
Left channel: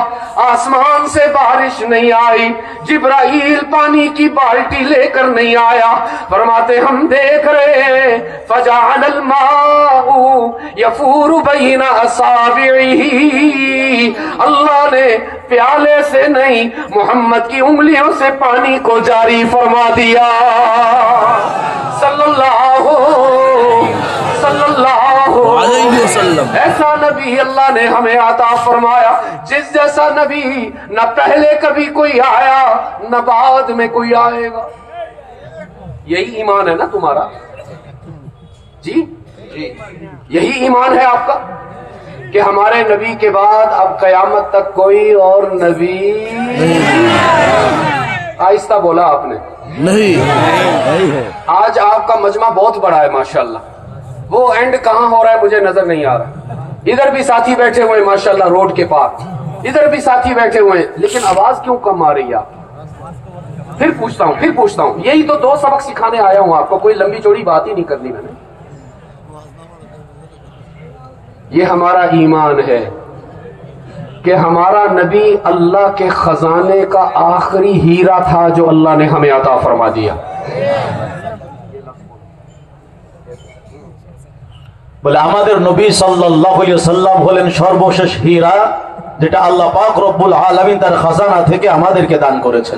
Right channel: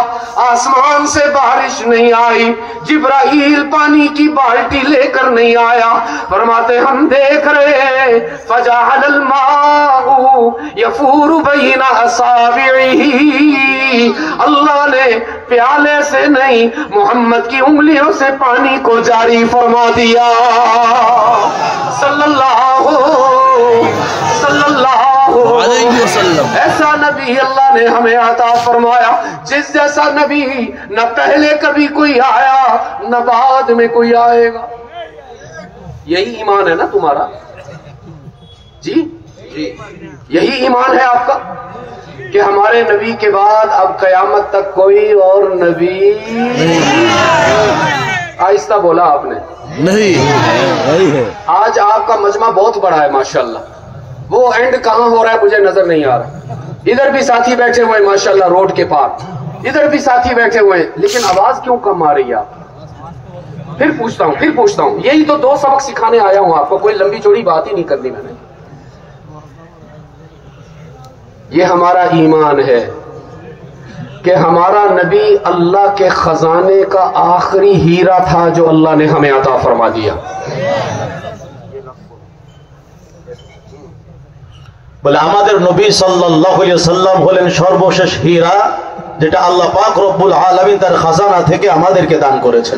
آسمان سے بارش نہیں آئی, جبرائیل پانی کی بالٹی لے کر نہیں آیا. فرماتے ہم دیکھ رہے ہیں فَجَعَلَ الْمَاءُ يَفُورُ بَيْنَ أَصَابِعِهِ, اللہ نے پیالے سے نہیں محمد کی انگلیوں سے پانی کو جاری فرما دیا. صلی اللہ علیہ وسلم. ایسا نبی اللہ نے ہمیں عطا فرمایا جس جیسا نبی نہ پہلے کبھی کوئی آیا نہ بعد میں کوئی آئے گا. یہی ایمان ہے نا تمہارا؟ جی یہی ایمان ہے آپ کا کہ ہمارے نبی کے بعد اب قیامت تک کوئی اور نبی آہستہ بولا آپ نے نہیں. آج آپ کا مجمع بہت بڑا ہے ماشاءاللہ, وہ اینڈ کہاں ہو رہا ہے مجھے نظر نہیں آ رہا. ادھر بھی ساتھی بیٹھے ہوئے ماشاءاللہ روڈ کے پاس, ادھر بھی ساتھی بیٹھے ہوئے, لیکن آواز کیوں کم آ رہی ہے آپ؟ پھر پوچھتا ہوں, یہی تو 2 سبق سکھانے آیا ہوں آپ کو, کوئی لمبی چوڑی بات ہی نہیں کرنی میں نے. یہ ہمارا ایمان ہے کہ ہمارا نبی اللہ کے خزانے کا آخری ہیرا تھا جو اللہ نے ہمیں عطا فرما دیا. বলে আমাদের নবী সাল্লাল্লাহু আলাইহি ওয়াসাল্লাম হলেন সর্বশেষ হীরা যেটা আল্লাহ পাক রব্বুল আলামিন তার খাজানা থেকে আমাদেরকে দান করেছেন।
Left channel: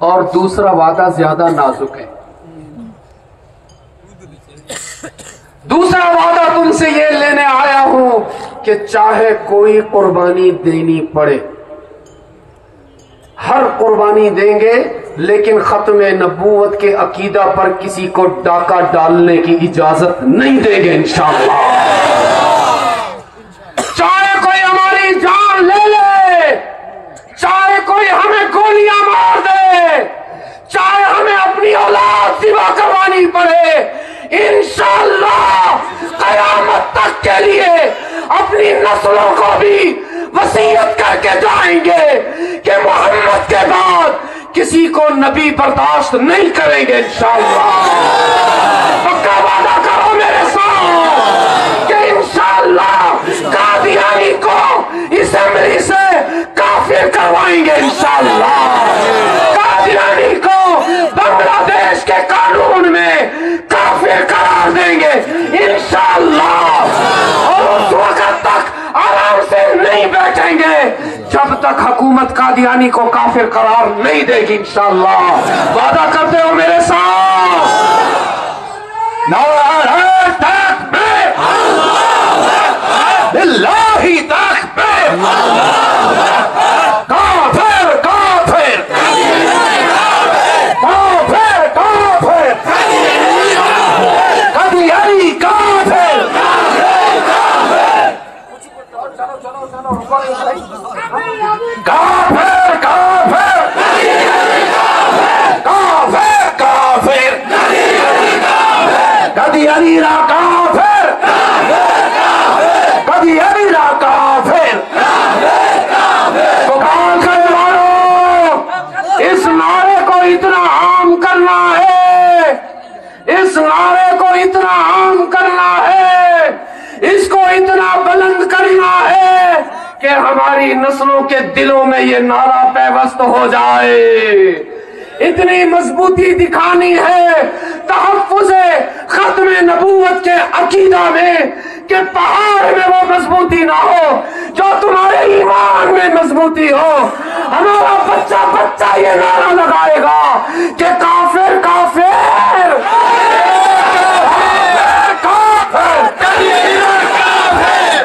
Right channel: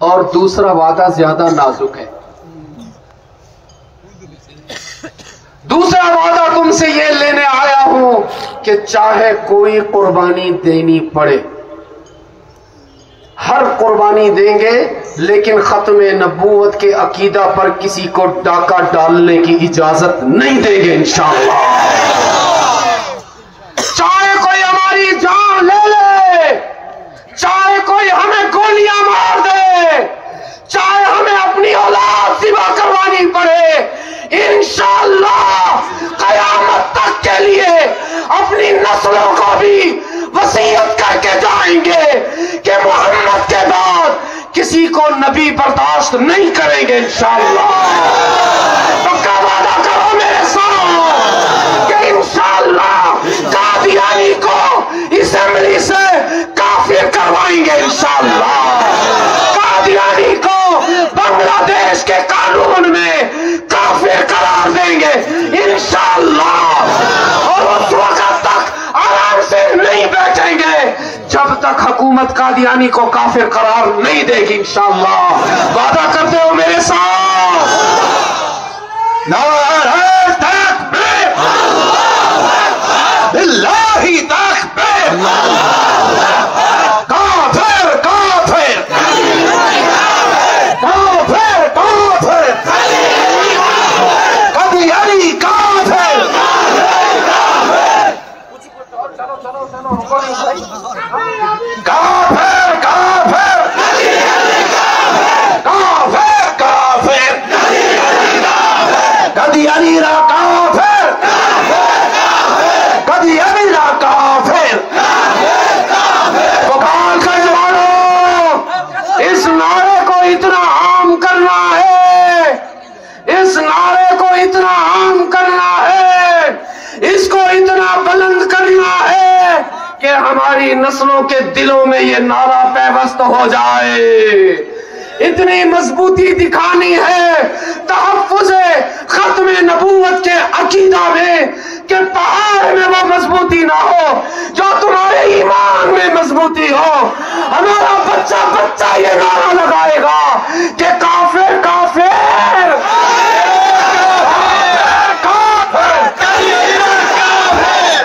اور دوسرا وعدہ زیادہ نازک ہے. دوسرا وعدہ تم سے یہ لینے آیا ہوں کہ چاہے کوئی قربانی دینی پڑے، ہر قربانی دیں گے، لیکن ختم نبوت کے عقیدہ پر کسی کو ڈاکہ ڈالنے کی اجازت نہیں دیں گے انشاءاللہ. چاہے کوئی ہماری جان لے لے، چاہے کوئی ہمیں گولیاں مار دے، چاہے ہمیں اپنی اولاد ذبح کروانی پڑے، انشاءاللہ قیامت تک کے لیے اپنی نسلوں کو بھی وصیت کر کے جائیں گے کہ محمد کے بعد کسی کو نبی برداشت نہیں کریں گے انشاءاللہ. پکا وعدہ کرو میرے ساتھ کہ انشاءاللہ قادیانی کو اسمبلی سے کافر کروائیں گے انشاءاللہ. قادیانی کو بنگلہ دیش کے قانون میں کافر قرار دیں گے انشاءاللہ. اور اس وقت تک آرام سے نہیں بیٹھیں گے جب تک حکومت قادیانی کو کافر قرار نہیں دے گی انشاءاللہ. وعدہ کرتے ہو میرے ساتھ؟ نعرہ تکبیر، للہ تکبیر، کافر کافر کافر کافر، قادیانی کافر. کافر کافر کافر کافر، قادیانی لا کافر، قادیانی لا کافر. پکار کے جوانوں، اس نعرے کو اتنا عام کرنا ہے، اس نعرے کو اتنا عام کرنا ہے، اس کو اتنا بلند کرنا ہے کہ ہماری نسلوں کے دلوں میں یہ نعرہ پیوست ہو جائے. اتنی مضبوطی دکھانی ہے تحفظ ختم نبوت کے عقیدہ میں کہ پہاڑ میں وہ مضبوطی نہ ہو جو تمہارے ایمان میں مضبوطی ہو. ہمارا بچہ بچہ یہ نعرہ لگائے گا کہ کافر کافر کافر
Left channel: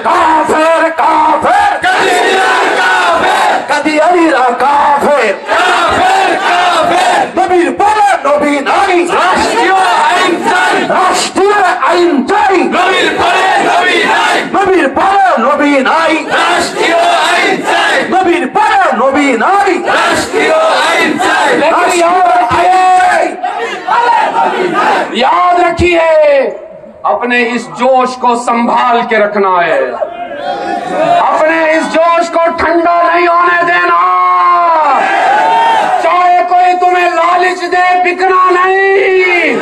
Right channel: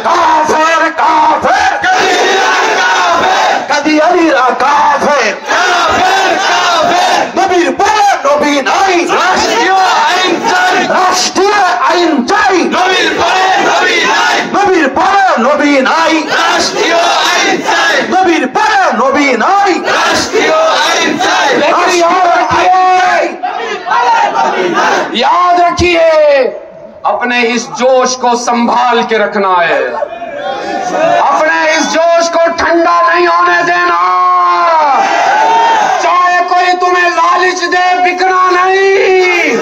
کافر کافر، قادیانی لا کافر، نبی بڑے نبی نہیں، راشٹریہ آئینچائی، نبی بڑے نبی نہیں، نبی بڑے نبی نہیں. لیکن یاد رکھیے اپنے اس جوش کو سنبھال کے رکھنا ہے، اپنے اس جوش کو ٹھنڈا نہیں ہونے دینا. چاہے کوئی تمہیں لالچ دے، بکنا نہیں.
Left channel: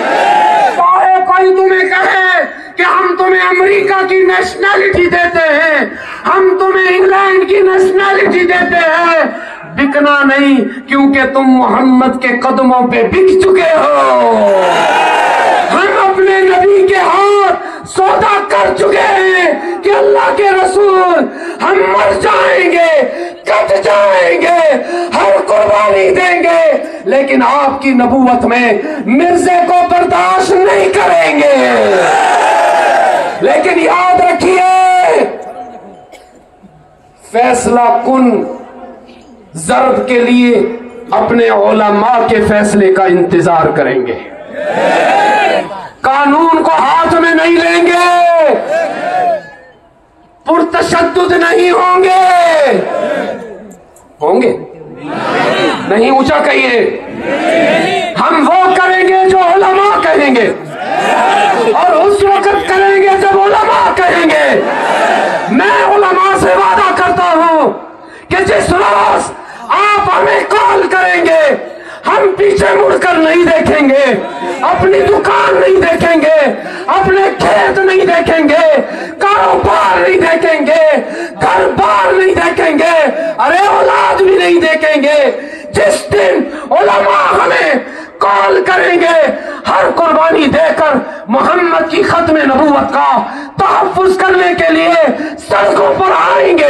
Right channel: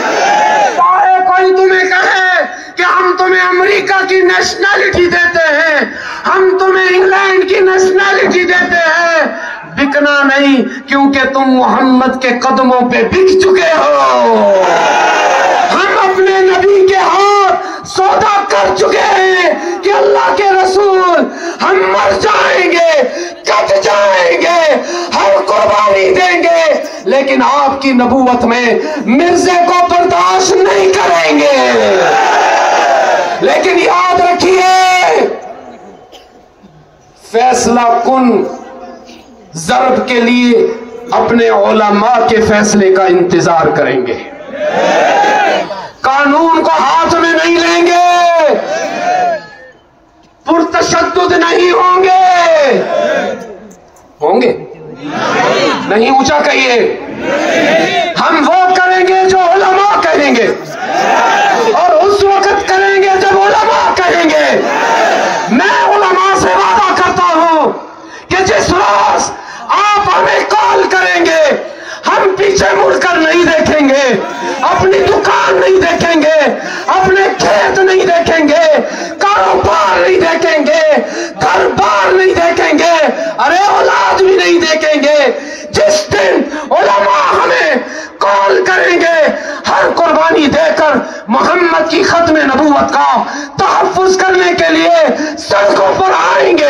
چاہے کوئی تمہیں کہے کہ ہم تمہیں امریکہ کی نیشنلٹی دیتے ہیں، ہم تمہیں انگلینڈ کی نیشنلٹی دیتے ہیں، بکنا نہیں، کیونکہ تم محمد کے قدموں پہ بک چکے ہو. ہم اپنے نبی کے ہاتھ سودا کر چکے ہیں کہ اللہ کے رسول ہم مر جائیں گے، کٹ جائیں گے، ہر قربانی دیں گے، لیکن آپ کی نبوت میں مرزے کو برداشت نہیں کریں گے. لیکن یاد رکھیے فیصلہ کن ضرب کے لیے اپنے علماء کے فیصلے کا انتظار کریں گے، قانون کو ہاتھ میں نہیں لیں گے، پرتشدد نہیں ہوں گے. ہوں گے نہیں؟ اونچا کہیے. ہم وہ کریں گے جو علماء کہیں گے، اور اس وقت کریں گے جب علماء کہیں گے. میں علماء سے وعدہ کرتا ہوں کہ جس روز آپ ہمیں کال کریں گے ہم پیچھے مڑ کر نہیں دیکھیں گے، اپنی دکان نہیں دیکھیں گے، اپنے کھیت نہیں دیکھیں گے، کاروبار نہیں دیکھیں گے، گھر بار نہیں دیکھیں گے، ارے اولاد بھی نہیں دیکھیں گے. جس دن علماء ہمیں کال کریں گے ہر قربانی دے کر محمد کی ختم نبوت کا تحفظ کرنے کے لیے سڑکوں پر آئیں گے